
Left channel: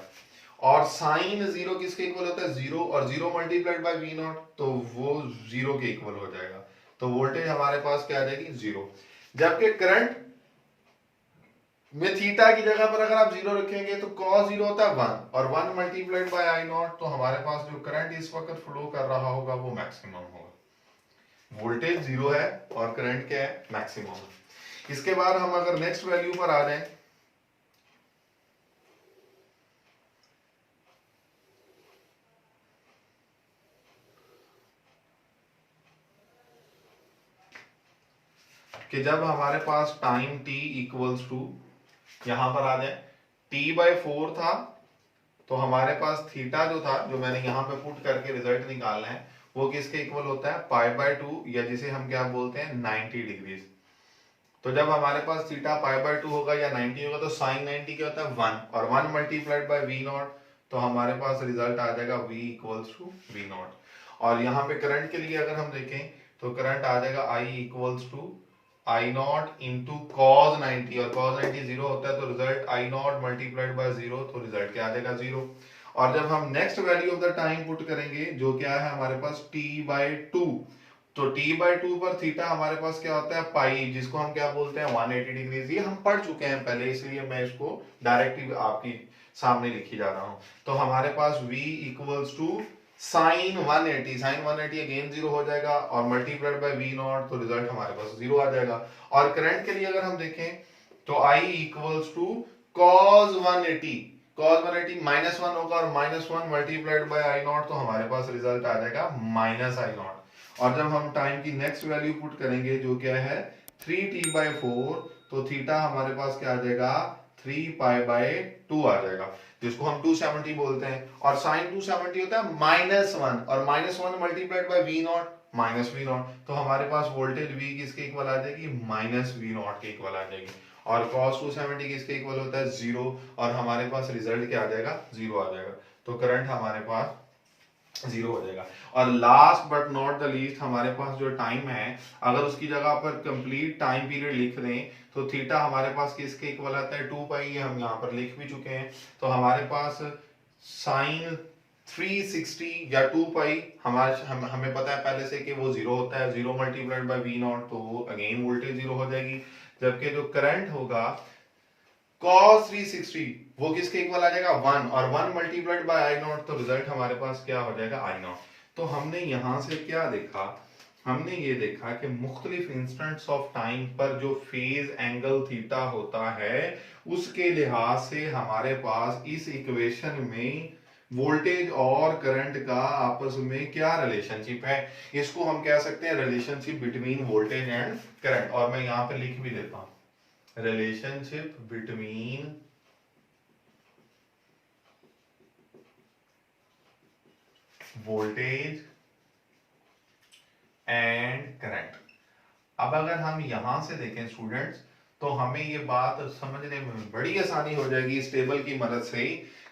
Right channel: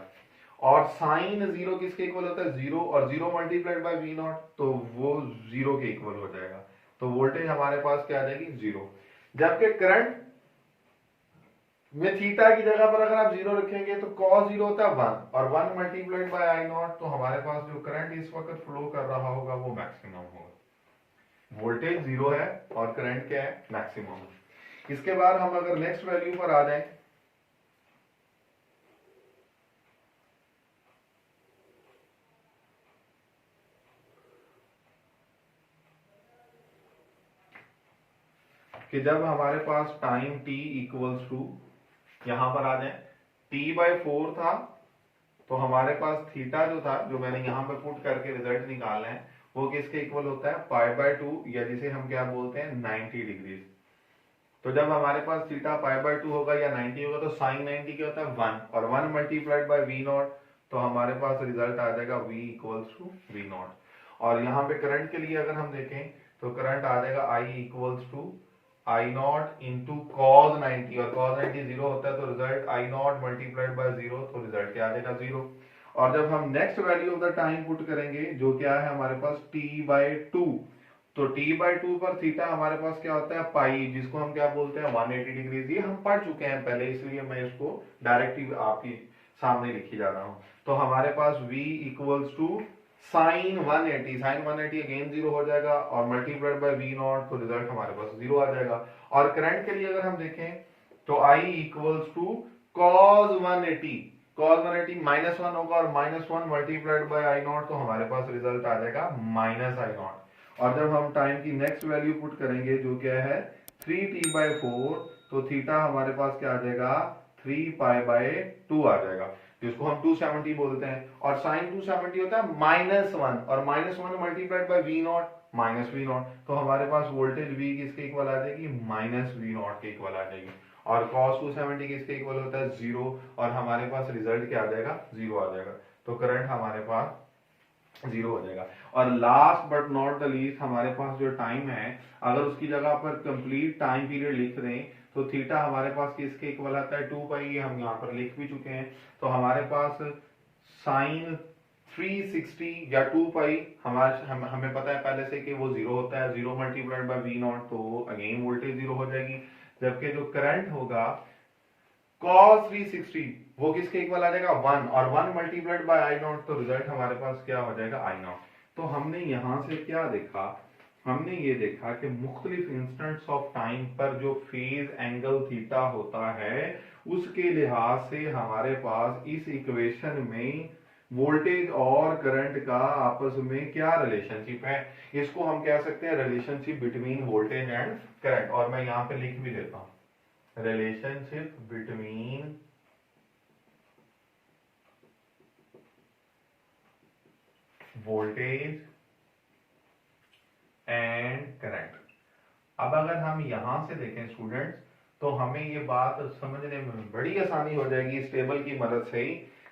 और साइन जीरो किसके इक्वल होता है, जीरो, और zero multiplied by V not तो वो जीरो के इक्वल हो जाएगा, तो वोल्टेज हमारे पास क्या आ जाएगी, जीरो। जबकि करंट में थीटा की जगह पर अगर आप जीरो रखेंगे तो कॉस जीरो होता है वन, और one multiplied by I not, तो हमारे पास जो करंट इस वक्त फ्लो कर रहा होगा वो मैक्सिमम होगा। वोल्टेज जीरो है और करंट क्या है, मैक्सिमम। इसके बाद हम अगर नेक्स्ट वैल्यू पर आ जाएं कि जब हमारे पास टाइम t इक्वल्स टू, यहां पर आ जाए t/4 था, तो हमारे पास थीटा जो था जो मैंने यहां पे पुट करके रिजल्ट निकालना है वो किसके इक्वल होता है, π/2, या जिसे हम क्या बोलते हैं 90 डिग्रीज। तो जब हमारे पास थीटा π/2 होगा या 90 होगा तो साइन 90 क्या होता है 1, और 1 मल्टीप्लाइड बाय वी नॉट, तो हमारे पास रिजल्ट आ जाएगा v equals to V not. और यहाँ पे करंट के लिए अगर हम देखें तो करंट आ जाएगा I equals to I not into cos 90, और कॉस 90 जीरो होता है तो result I not multiplied by zero, तो रिजल्ट क्या आ जाएगा, जीरो। और जब हम next value of the time put करेंगे जो क्या है हमारे पास t/2, तो t/2 पर थीटा हमारे पास क्या होता है पाई, जिसको हम क्या बोलते हैं 180 डिग्रीज। ये हम पढ़ चुके हैं पहले, इसलिए मैं इसको डायरेक्टली आपकी सामने लिखी जा रहा हूं। तो हमारे पास v equals to sine 180, sine 180 again zero हो जाएगा, और मल्टीप्लाइड बाय वी नॉट, तो रिजल्ट हमारे पास जीरो आ जाएगा। और करंट के लिए अगर हम देखें तो I equals to cos 180, cos 180 -1 होगा, और -1 मल्टीप्लाइड बाय आई नॉट, तो हमारे पास रिजल्ट आ जाएगा माइनस आई नॉट। और जब हम टाइम की नेक्स्ट वैल्यू पुट करेंगे जो क्या है 3t/4, तो थीटा हमारे पास क्या आ जाएगा 3π/2 आ जाएगा, जिसको हम 270 बोलते हैं। और साइन 270 होता है -1, और -1 मल्टीप्लाइड बाय V0 -V0, तो हमारे पास वोल्टेज V किसके इक्वल आ जाएगी, -V0 के इक्वल आ जाएगी। और cos 270 किसके इक्वल होता है, 0, और हमारे पास रिजल्ट क्या आ जाएगा, 0 आ जाएगा। तो करंट हमारे पास 0 हो जाएगा। और last but not the least हमारे पास जो टाइम है, अगर उसकी जगह पर कंप्लीट टाइम पीरियड लिख दें तो थीटा हमारे पास किसके इक्वल आता है, 2π, ये हम यहाँ पर लिख भी चुके हैं। तो हमारे पास साइन 360 या 2π हमें पता है पहले से कि वो 0 होता है, 0 मल्टीप्लाइड बाय V0, तो अगेन वोल्टेज 0 हो जाएगी। जबकि जो करंट होगा cos 360 वो किसके इक्वल आ जाएगा, 1, और 1 मल्टीप्लाइड बाय I0, तो रिजल्ट हमारे पास क्या हो जाएगा, I0। तो हमने यहां से क्या देखा, हमने ये देखा कि मुख्तलिफ इंस्टेंट्स ऑफ टाइम पर जो फेज एंगल थीटा होता है उसके लिहाज से हमारे पास इस इक्वेशन में वोल्टेज और करंट का आपस में क्या रिलेशनशिप है। इसको हम कह सकते हैं relationship between voltage and current. और मैं यहां पे लिख भी देता हूं, relationship between voltage and current। अब अगर हम यहां से देखें स्टूडेंट्स, तो हमें ये बात समझने में बड़ी आसानी हो जाएगी इस टेबल की मदद से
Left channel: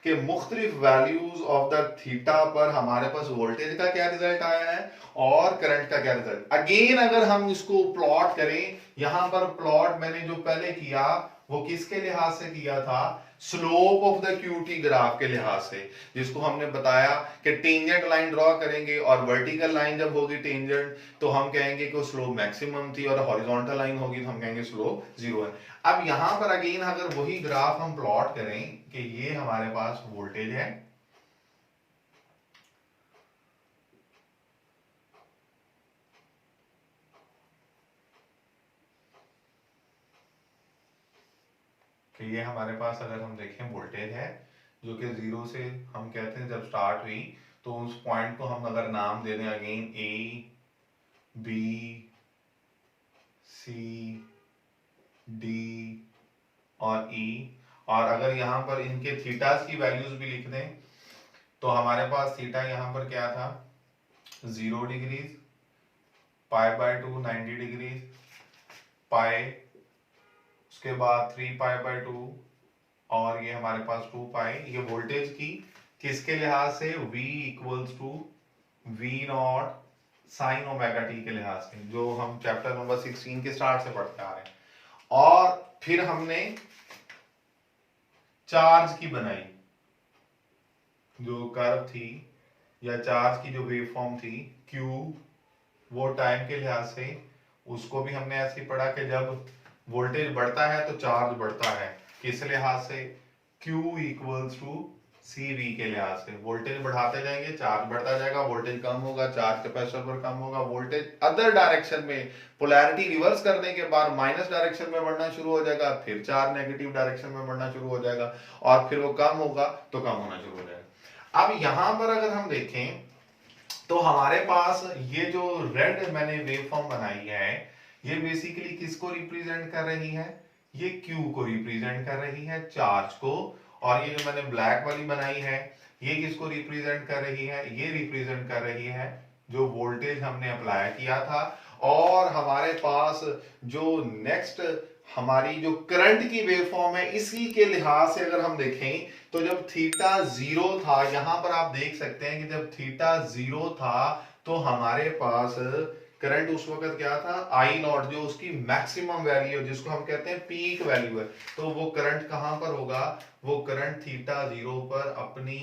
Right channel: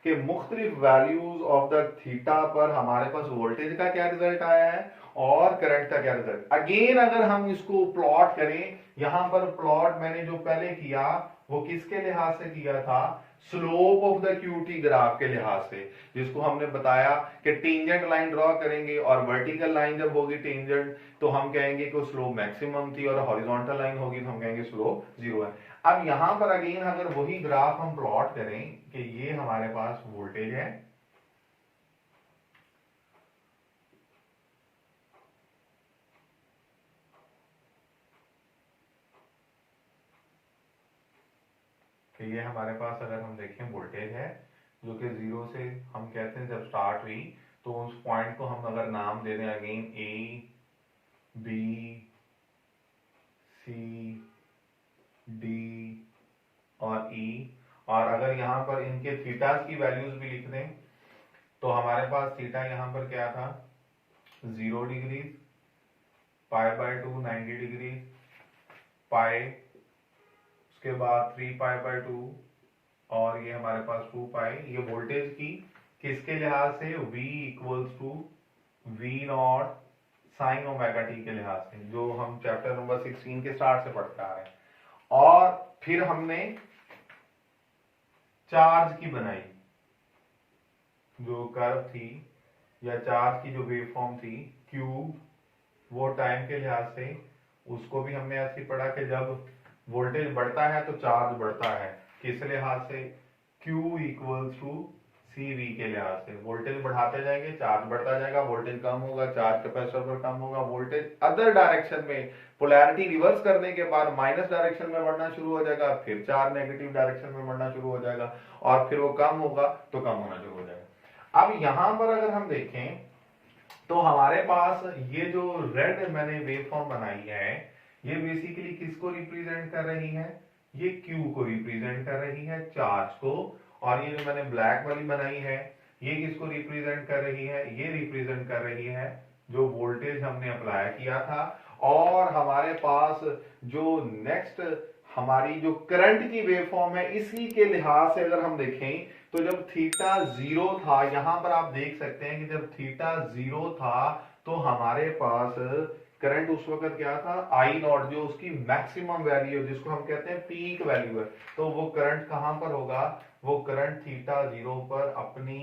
कि मुख्तलिफ वैल्यूज ऑफ द थीटा पर हमारे पास वोल्टेज का क्या रिजल्ट आया है और करंट का क्या रिजल्ट। अगेन अगर हम इसको प्लॉट करें, यहां पर प्लॉट मैंने जो पहले किया वो किसके लिहाज से किया था, slope of the QT graph के लिहाज से, जिसको हमने बताया कि टेंजेंट लाइन ड्रॉ करेंगे और वर्टिकल लाइन जब होगी टेंजेंट तो हम कहेंगे कि स्लोप मैक्सिमम थी, और हॉरिजॉन्टल लाइन होगी तो हम कहेंगे स्लोप 0 है। अब यहां पर अगेन अगर वही ग्राफ हम प्लॉट करें कि ये हमारे पास वोल्टेज है, कि ये हमारे पास अगर हम देखें वोल्टेज है जो कि 0 से हम कहते हैं जब स्टार्ट हुई, तो उस पॉइंट को हम अगर नाम दे दें again A B C D और E, और अगर यहां पर इनके थीटास की वैल्यूज भी लिख दें तो हमारे पास थीटा यहां पर क्या था, 0 डिग्रीज, π/2 90 डिग्रीज, पाई, उसके बाद 3π/2, और ये हमारे पास 2π। ये वोल्टेज की किसके लिहाज से, V equals to V0 sine omega T के लिहाज से, जो हम चैप्टर नंबर 16 के स्टार्ट से पढ़ते आ रहे हैं। और फिर हमने चार्ज की बनाई, जो कर्व थी या चार्ज की जो वेवफॉर्म थी Q, वो टाइम के लिहाज से उसको भी हमने ऐसे ही पढ़ा कि जब वोल्टेज बढ़ता है तो चार्ज बढ़ता है, किस लिहाज से, Q इक्वल्स टू CV के लिहाज से। वोल्टेज बढ़ाते जाएंगे चार्ज बढ़ता जाएगा, वोल्टेज कम होगा चार्ज कैपेसिटर पर कम होगा, वोल्टेज अदर डायरेक्शन में पोलैरिटी रिवर्स करने के बाद माइनस डायरेक्शन में बढ़ना शुरू हो जाएगा, फिर चार्ज नेगेटिव डायरेक्शन में बढ़ना शुरू हो जाएगा, और फिर वो कम होगा तो कम होना शुरू हो जाएगा। अब यहां पर अगर हम देखें तो हमारे पास ये जो रेड मैंने वेवफॉर्म बनाई है ये बेसिकली किसको रिप्रेजेंट कर रही है, ये Q को रिप्रेजेंट कर रही है, चार्ज को। और ये जो मैंने ब्लैक वाली बनाई है ये किसको रिप्रेजेंट कर रही है, ये रिप्रेजेंट कर रही है जो वोल्टेज हमने अप्लाई किया था। और हमारे पास जो नेक्स्ट हमारी जो करंट की वेवफॉर्म है इसी के लिहाज से अगर हम देखें तो जब थीटा 0 था, यहां पर आप देख सकते हैं कि जब थीटा 0 था तो हमारे पास करंट उस वक्त क्या था, I0, जो उसकी मैक्सिमम वैल्यू जिसको हम कहते हैं पीक वैल्यू है। तो वो करंट कहां पर होगा, वो करंट थीटा 0 पर अपनी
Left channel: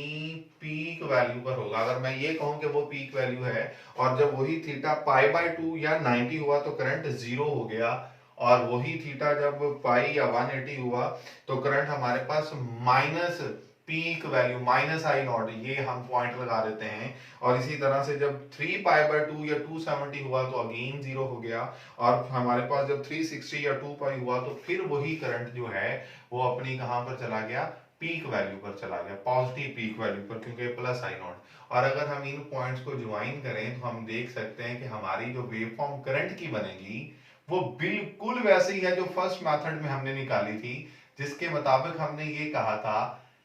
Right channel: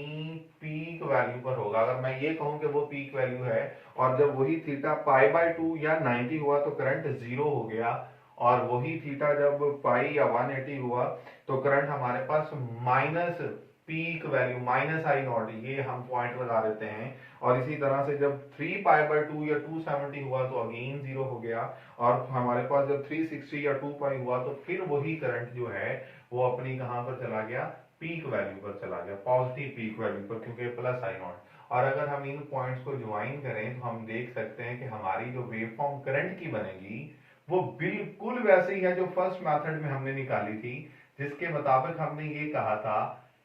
पीक वैल्यू पर होगा। अगर मैं ये कहूं कि वो पीक वैल्यू है और जब वही थीटा π/2 या 90 हुआ तो करंट 0 हो गया, और वही थीटा जब पाई या 180 हुआ तो करंट हमारे पास माइनस पीक वैल्यू -I0, ये हम पॉइंट लगा देते हैं। और इसी तरह से जब 3π/2 या 270 हुआ तो अगेन 0 हो गया, और हमारे पास जब 360 या 2π हुआ तो फिर वही करंट जो है वो अपनी कहां पर चला गया, पीक वैल्यू पर चला गया, पॉजिटिव पीक वैल्यू पर, क्योंकि +I0। और अगर हम इन पॉइंट्स को ज्वाइन करें तो हम देख सकते हैं कि हमारी जो वेवफॉर्म करंट की बनेगी वो बिल्कुल वैसे ही है जो फर्स्ट मेथड में हमने निकाली थी, जिसके मुताबिक हमने ये कहा था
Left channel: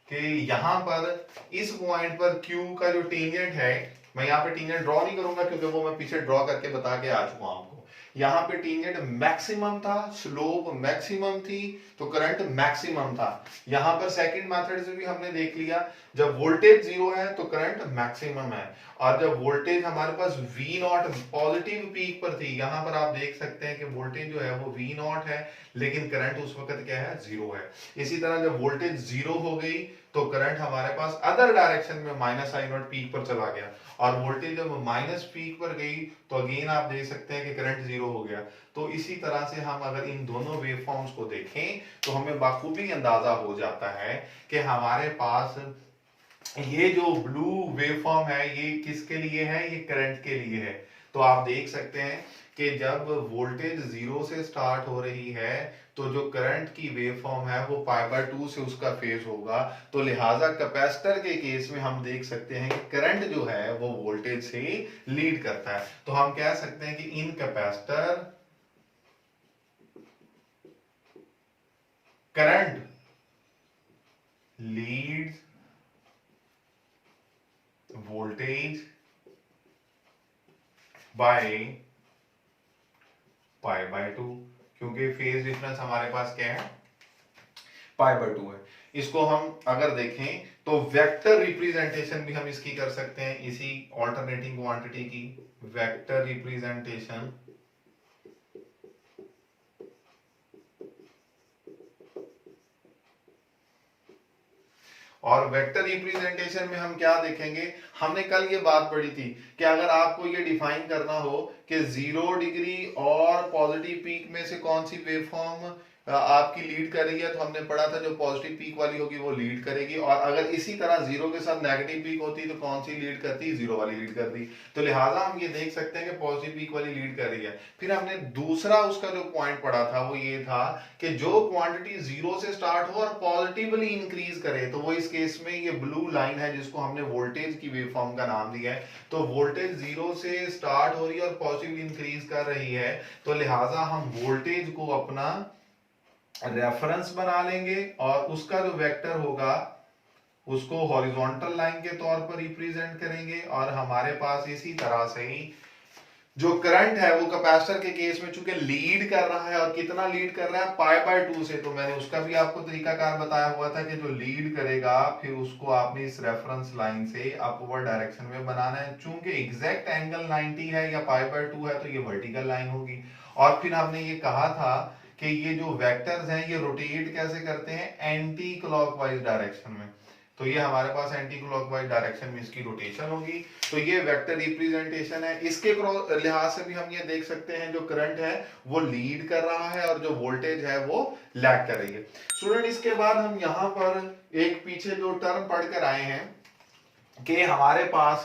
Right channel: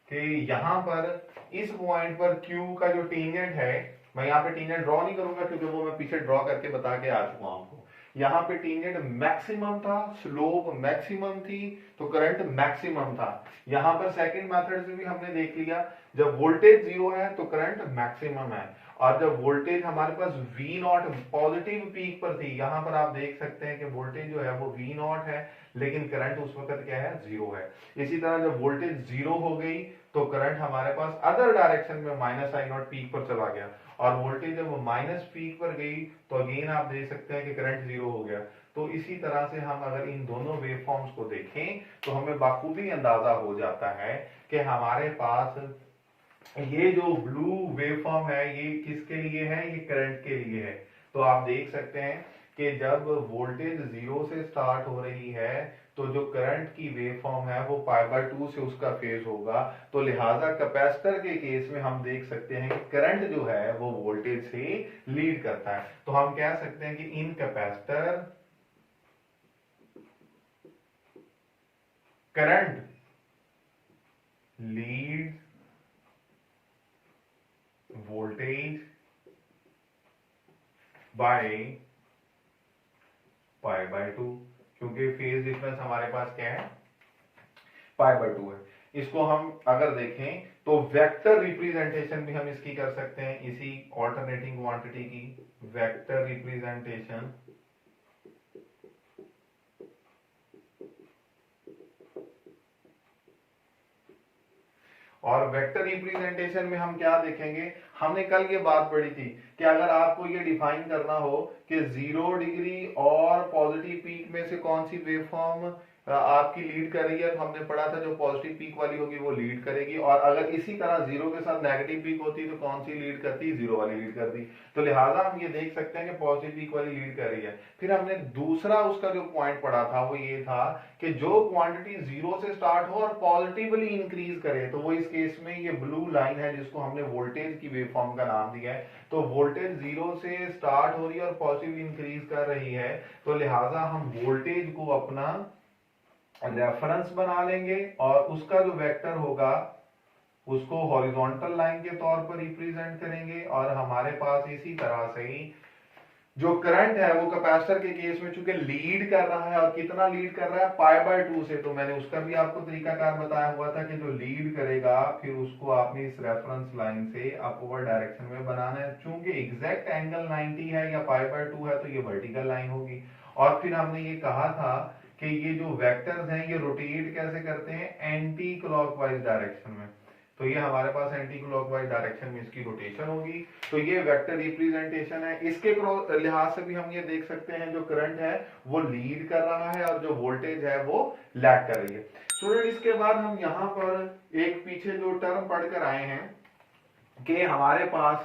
कि यहाँ पर इस पॉइंट पर Q का जो टेंजेंट है, मैं यहाँ पे टेंजेंट ड्रॉ नहीं करूंगा क्योंकि वो मैं पीछे ड्रॉ करके बता के आ चुका हूं आपको। यहाँ पे टेंजेंट मैक्सिमम था, स्लोप मैक्सिमम थी, तो करंट मैक्सिमम था। यहाँ पर सेकंड मेथड से भी हमने देख लिया, जब वोल्टेज जीरो है तो करंट मैक्सिमम है, और जब वोल्टेज हमारे पास V नॉट पॉजिटिव पीक पर थी, यहाँ पर आप देख सकते हैं कि वोल्टेज जो है वो V नॉट है, लेकिन करंट उस वक्त क्या है, जीरो है। इसी तरह जब वोल्टेज जीरो हो गई तो करंट हमारे पास अदर डायरेक्शन में माइनस आई नॉट पीक पर चला गया, और वोल्टेज जब माइनस पीक पर गई तो अगेन आप देख सकते हैं कि करंट जीरो हो गया। तो इसी तरह से हम अगर इन दोनों वेवफॉर्म्स को देखें तो हमें बाखूबी अंदाजा हो जाता है कि हमारे पास ये जो ब्लू वेवफॉर्म है ये किसके लिए है, ये करंट के लिए है। तो आप देख सकते हैं कि जब वोल्टेज जीरो से स्टार्ट हो रही है तो जो करंट की वेवफॉर्म है वो π/2 से उसका फेज होगा। तो लिहाजा कैपेसिटर के केस में हम देख सकते हैं कि करंट जो है वो वोल्टेज से लीड करता है। तो हम कह सकते हैं कि in capacitor current leads voltage by π/2, क्योंकि फेज डिफरेंस हमारे पास क्या है, π/2 है। इसको हम अगर देखें तो वेक्टर रिप्रेजेंटेशन भी हम इसकी कर सकते हैं, इसी ऑल्टरनेटिंग क्वांटिटी की वेक्टर रिप्रेजेंटेशन। और वेक्टर रिप्रेजेंटेशन में हम क्या देखेंगे, हमने कल ये बात पढ़ी थी कि अगर आपको ये डिफाइन करना हो कि 0 डिग्री और पॉजिटिव पीक में से कौन सी वेवफॉर्म आपकी लीड कर रही है, तो हमने पढ़ा था जो पॉजिटिव पीक वाली होगी वो लीड करेगी, और अगर इसी तरह जीरो के साथ नेगेटिव पीक होती तो कौन सी लीड करती, जीरो वाली लीड करती। तो लिहाजा हम ये देख सकते हैं कि पॉजिटिव पीक वाली लीड कर रही है। फिर हमने दूसरा उसका जो पॉइंट पढ़ा था वो ये था कि जो क्वांटिटी जीरो से स्टार्ट हो और पॉजिटिवली इंक्रीज करे, तो वो इस केस में ये ब्लू लाइन है जिसको हमने वोल्टेज की वेवफॉर्म का नाम दिया है। तो वोल्टेज जीरो से स्टार्ट हो रही है और पॉजिटिवली इंक्रीज कर रही है, तो लिहाजा हम वोल्टेज को अपना रेफरेंस बना लेंगे और उसका जो वेक्टर होगा उसको हॉरिजॉन्टल लाइन के तौर पर रिप्रेजेंट करेंगे। और हमारे पास इसी तरह से ही जो करंट है वो कैपेसिटर के केस में चूंकि लीड कर रहा है, और कितना लीड कर रहा है, π/2 से, तो मैंने उसका भी आपको तरीकाकार बताया हुआ था कि जो लीड करेगा फिर उसको आपने इस रेफरेंस लाइन से अपवर्ड डायरेक्शन में बनाना है। चूंकि एग्जैक्ट एंगल 90 है या π/2 है तो ये वर्टिकल लाइन होगी। और फिर हमने ये कहा था कि ये जो वेक्टर्स हैं ये रोटेट कैसे करते हैं, एंटी क्लॉकवाइज डायरेक्शन में। तो ये हमारे पास एंटी क्लॉकवाइज डायरेक्शन में इसकी रोटेशन होगी। तो ये वेक्टर रिप्रेजेंटेशन है। इसके लिहाज से भी हम ये देख सकते हैं जो करंट है वो लीड कर रहा है और जो वोल्टेज है वो लैग कर रही है। स्टूडेंट, इसके बाद हम यहाँ पर एक पीछे जो टर्म पढ़कर आए हैं कि हमारे पास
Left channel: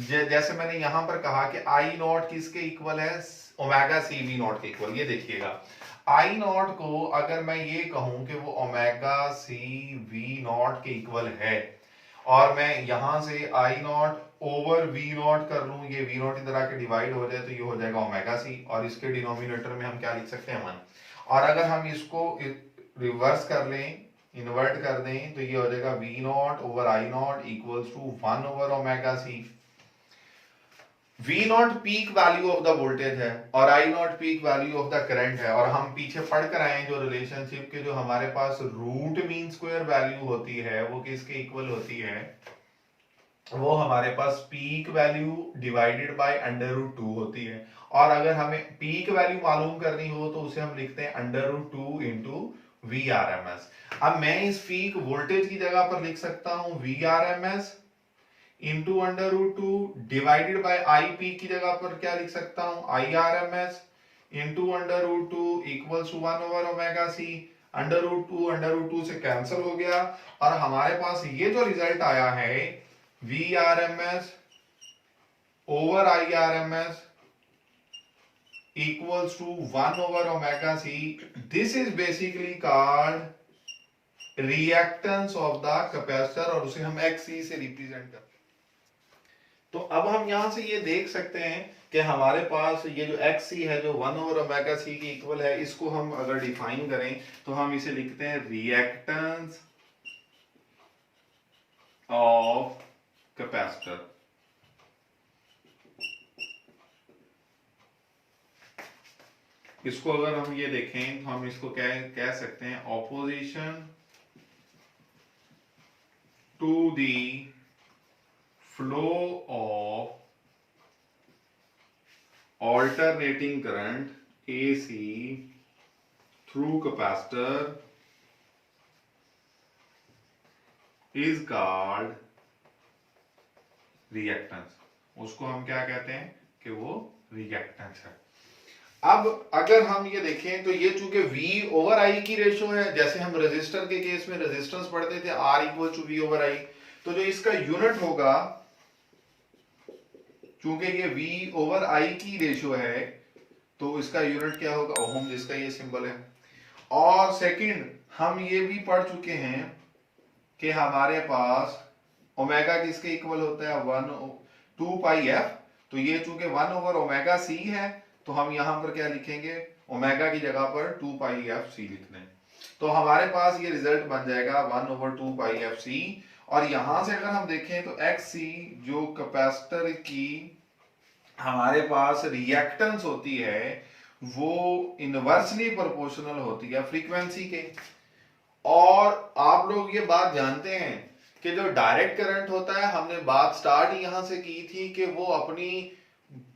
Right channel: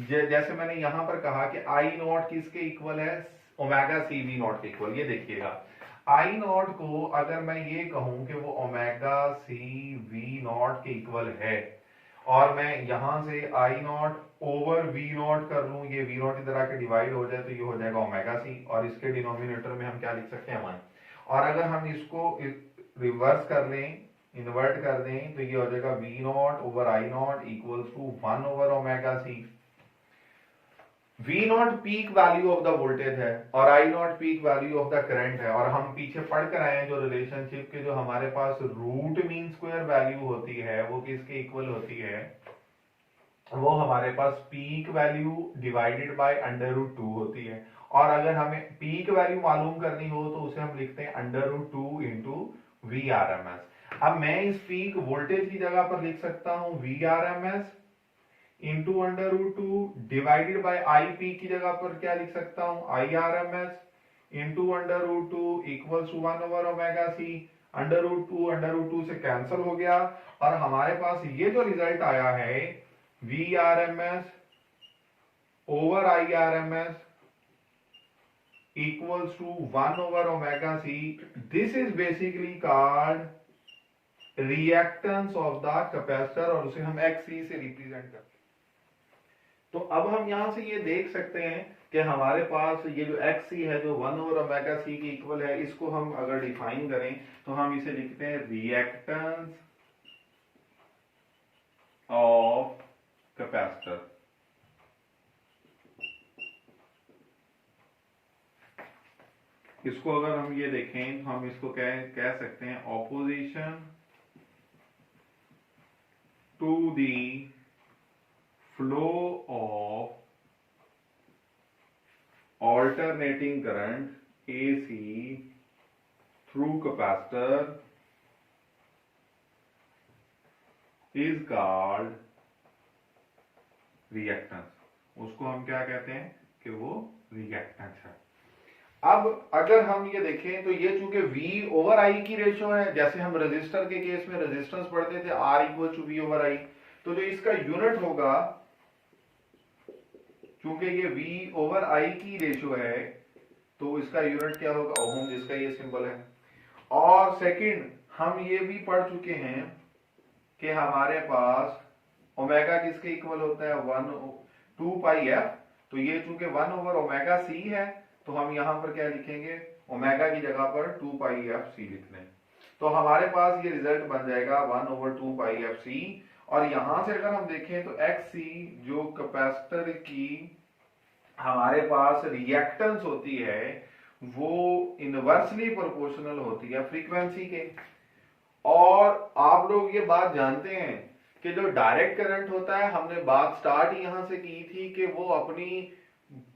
जैसे मैंने यहां पर कहा कि आई नॉट किसके इक्वल है, ओमेगा सी वी नॉट के इक्वल। ये देखिएगा, आई नॉट को अगर मैं ये कहूं कि वो ओमेगा सी वी नॉट के इक्वल है, और मैं यहां से आई नॉट ओवर वी नॉट कर लूं, ये वी नॉट इधर आके डिवाइड हो जाए तो ये हो जाएगा ओमेगा सी, और इसके डिनोमिनेटर में हम क्या लिख सकते हैं, 1। और अगर हम इसको रिवर्स कर लें, इन्वर्ट कर दें, तो ये हो जाएगा V naught over I naught equals to 1 over omega C. V naught peak value of the voltage है और I naught peak value of the current है। और हम पीछे पढ़ कर आए जो रिलेशनशिप के जो हमारे पास रूट मीन स्क्वायर वैल्यू होती है वो किसके इक्वल होती है, वो हमारे पास पीक वैल्यू डिवाइडेड बाय √2 होती है। और अगर हमें पीक वैल्यू मालूम करनी हो तो उसे हम लिखते हैं √2 इंटू VRMS। अब मैं इस पीक वोल्टेज की जगह पर लिख सकता हूं VRMS into √2 divided by I peak की जगह पर क्या लिख सकता हूं, IRMS into √2 equals to 1 over omega C. √2 से कैंसिल हो गया और हमारे पास ये जो रिजल्ट आया है VRMS over IRMS equals to 1 over omega c. This is basically called reactance of the capacitor और उसे हम XC से रिप्रेजेंट करते हैं। तो अब हम यहां से ये देख सकते हैं कि हमारे पास ये जो एक्स सी है जो 1/ओमेगा c की इक्वल है, इसको हम अगर डिफाइन करें तो हम इसे लिखते हैं रिएक्टेंस ऑफ कैपेसिटर। इसको अगर हम ये देखें तो हम इसको कह सकते हैं opposition to the flow of alternating current AC through capacitor is called reactance। उसको हम क्या कहते हैं कि वो रिएक्टेंस है। अब अगर हम ये देखें तो ये चूंकि V/I की रेशो है, जैसे हम रेजिस्टर के केस में रेजिस्टेंस पढ़ते थे R = V/I, तो जो इसका यूनिट होगा, चूंकि ये V/I की रेशो है तो इसका यूनिट क्या होगा, ओम, जिसका ये सिंबल है। और सेकंड हम ये भी पढ़ चुके हैं कि हमारे पास ओमेगा किसके इक्वल होता है, 2πf। तो ये चूंकि 1/ωc है तो हम यहां पर क्या लिखेंगे, ओमेगा की जगह पर 2πfc लिख लें। तो हमारे पास ये रिजल्ट बन जाएगा 1/2πfc। और यहां से अगर हम देखें तो xc जो कैपेसिटर की हमारे पास रिएक्टेंस होती है वो इनवर्सली प्रोपोर्शनल होती है फ्रीक्वेंसी के। और आप लोग ये बात जानते हैं कि जो डायरेक्ट करंट होता है, हमने बात स्टार्ट यहां से की थी कि वो अपनी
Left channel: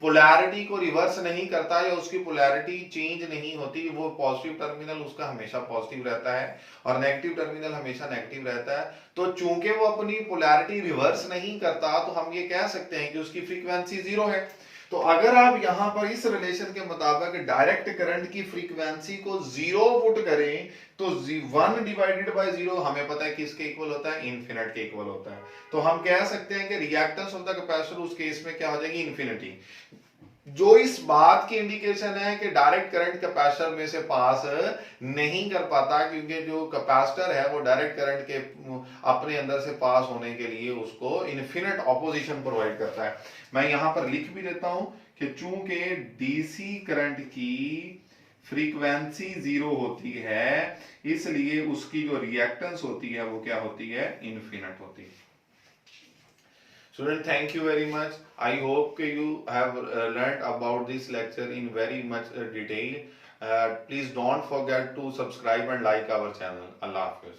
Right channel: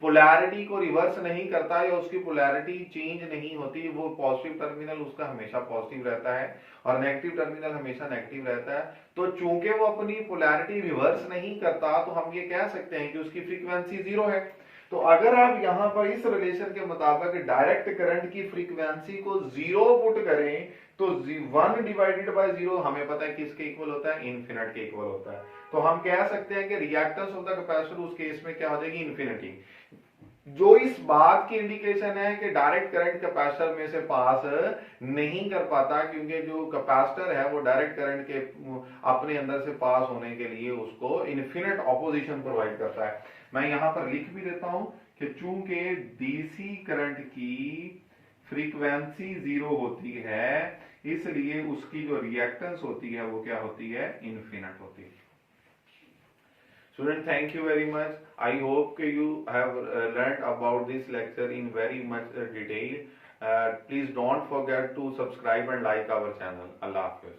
पोलैरिटी को रिवर्स नहीं करता या उसकी पोलैरिटी चेंज नहीं होती, वो पॉजिटिव टर्मिनल उसका हमेशा पॉजिटिव रहता है और नेगेटिव टर्मिनल हमेशा नेगेटिव रहता है। तो चूंकि वो अपनी पोलैरिटी रिवर्स नहीं करता तो हम ये कह सकते हैं कि उसकी फ्रीक्वेंसी 0 है। तो अगर आप यहां पर इस रिलेशन के मुताबिक डायरेक्ट करंट की फ्रीक्वेंसी को 0 पुट करें तो 1/0 हमें पता है किसके इक्वल होता है, इन्फिनिट के इक्वल होता है। तो हम कह सकते हैं कि रिएक्टेंस ऑफ द कैपेसिटर उस केस में क्या हो जाएगी, इन्फिनिटी। जो इस बात की इंडिकेशन है कि डायरेक्ट करंट कैपेसिटर में से पास नहीं कर पाता, क्योंकि जो कैपेसिटर है वो डायरेक्ट करंट के अपने अंदर से पास होने के लिए उसको इन्फिनिट ऑपोजिशन प्रोवाइड करता है। मैं यहां पर लिख भी देता हूं कि चूंकि डीसी करंट की फ्रीक्वेंसी 0 होती है इसलिए उसकी जो रिएक्टेंस होती है वो क्या होती है, इन्फिनिट होती है। Student, thank you very much. I hope you have learnt about this lecture in very much detail. Please don't forget to subscribe and like our channel. Allah Hafiz.